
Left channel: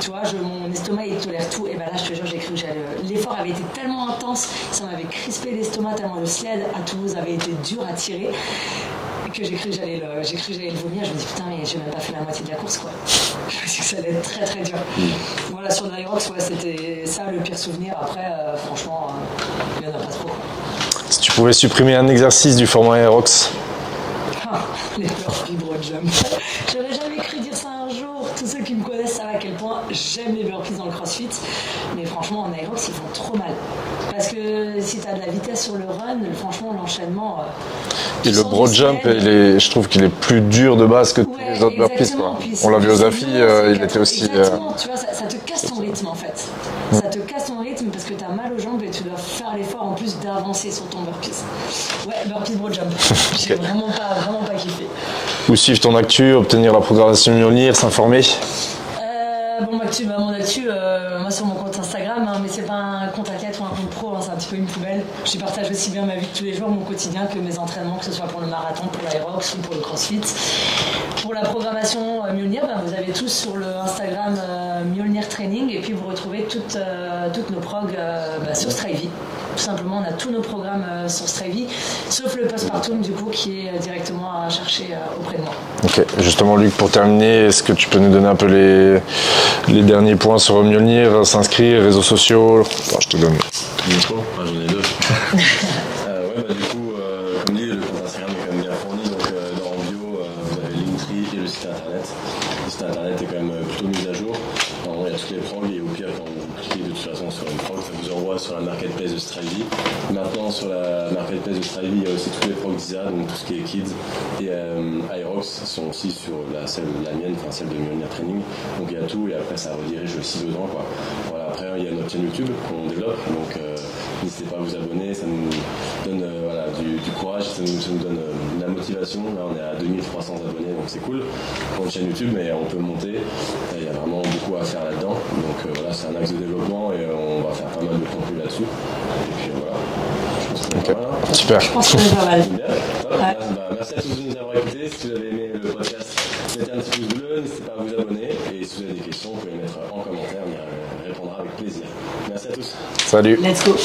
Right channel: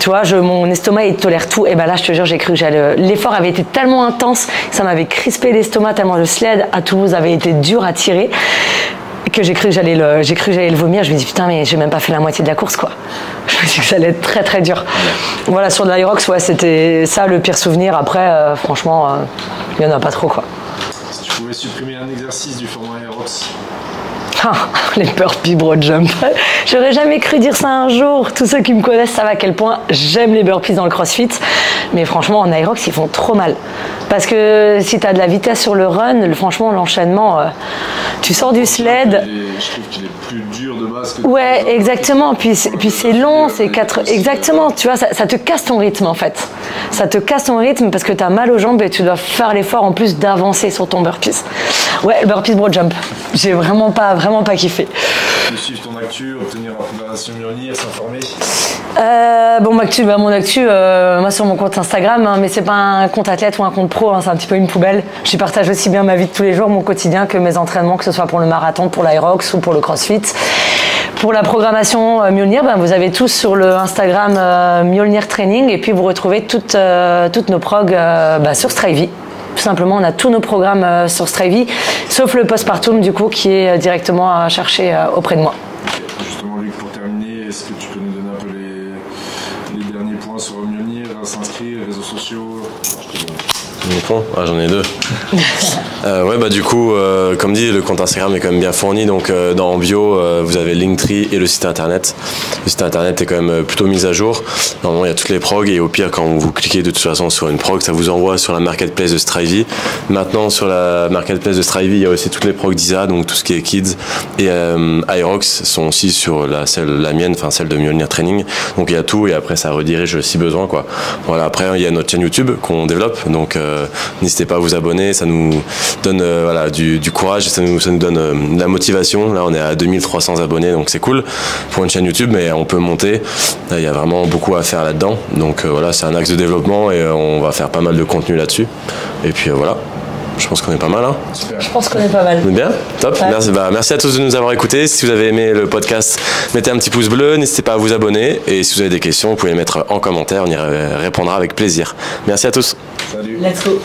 Tu vois, mon estomac il tolère tout. Et ben là, je te jure, j'ai cru que j'allais. L'effort avait été tellement intense, ça m'avait crispé l'estomac tellement le sled à Toulouse avait été dur à tirer que j'ai cru que j'allais le vomir. Je me dis putain, mais j'ai même pas fait la moitié de la course quoi. Je me dis que ça allait être très très dur. Voilà, sur l'Aerox, ouais, c'était ça le pire souvenir. Après, franchement, il y en a pas trop quoi. Si tu pouvais supprimer un exercice du format Aerox? Putain, les burpees broad jump. J'aurais jamais cru dire ça un jour. Tous ceux qui me connaissent savent à quel point j'aime les burpees dans le crossfit. Mais franchement, en aerox, ils font trop mal. Parce que si tu as de la vitesse sur le run, franchement, l'enchaînement, tu sors du sled. Je trouve qu'il est plus dur de base que ouais, exactement. Puis c'est long, c'est 4. Aussi, exactement, tu vois, ça te casse ton rythme en fait. Ça te casse ton rythme parce que tu as mal aux jambes et tu dois faire l'effort en plus d'avancer sur ton burpees. Ouais, le burpees broad jump. J'ai vraiment pas kiffé. Plus suivre ton actu, obtenir la programmation Mjolnir, s'informer. Mon actu, moi sur mon compte Instagram, hein, mais c'est pas un compte athlète ou un compte pro, hein, c'est un petit peu une poubelle. J'y partage aussi bien ma vie de tous les jours, mon quotidien, que mes entraînements, que ce soit pour le marathon, pour l'Aerox ou pour le CrossFit. Pour la programmation Mjolnir, vous avez tous sur le Instagram Mjolnir Training et puis vous retrouvez toutes nos progs sur Strivey. Tout simplement, on a tous nos programmes sur Strivey, sauf le postpartum du coup qui est directement à chercher auprès de moi. Ok, justement Luc, pour terminer, est-ce que tu peux nous donner un peu les derniers points sur Mjolnir, s'inscrire, réseaux sociaux? Je te donne le micro. Ah, j'en ai deux. Du coup, comme dit, le compte Instagram est quand même bien fourni, donc dans bio, vous avez Linktree et le site internet. Le site internet est quand même plutôt mis à jour. Normalement, il y a toutes les progs et au pire, quand vous cliquez de toute façon sur une prog, ça vous envoie sur la marketplace de Strivey. Maintenant, sur la marketplace de Strivey, il y a aussi toutes les progs d'ISA, donc tout ce qui est kids et Aerox sont aussi sur la mienne, enfin celle de Mjolnir Training. Donc il y a tout et après ça redirige si besoin, quoi. Voilà, après il y a notre chaîne YouTube qu'on développe, donc n'hésitez pas à vous abonner, ça nous donne du courage, ça nous donne de la motivation. Là on est à 2300 abonnés, donc c'est cool pour une chaîne YouTube, mais on peut monter. Là, il y a vraiment beaucoup à faire là-dedans, donc c'est un axe de développement et on va faire pas mal de contenu là-dessus. Et puis voilà. Je pense qu'on est pas mal. Hein. Super. Je pense qu'on est pas mal. On est bien. Top. Ouais. Merci à tous de nous avoir écoutés. Si vous avez aimé le podcast, mettez un petit pouce bleu. N'hésitez pas à vous abonner. Et si vous avez des questions, vous pouvez les mettre en commentaire. On y répondra avec plaisir. Merci à tous. Salut. Let's go.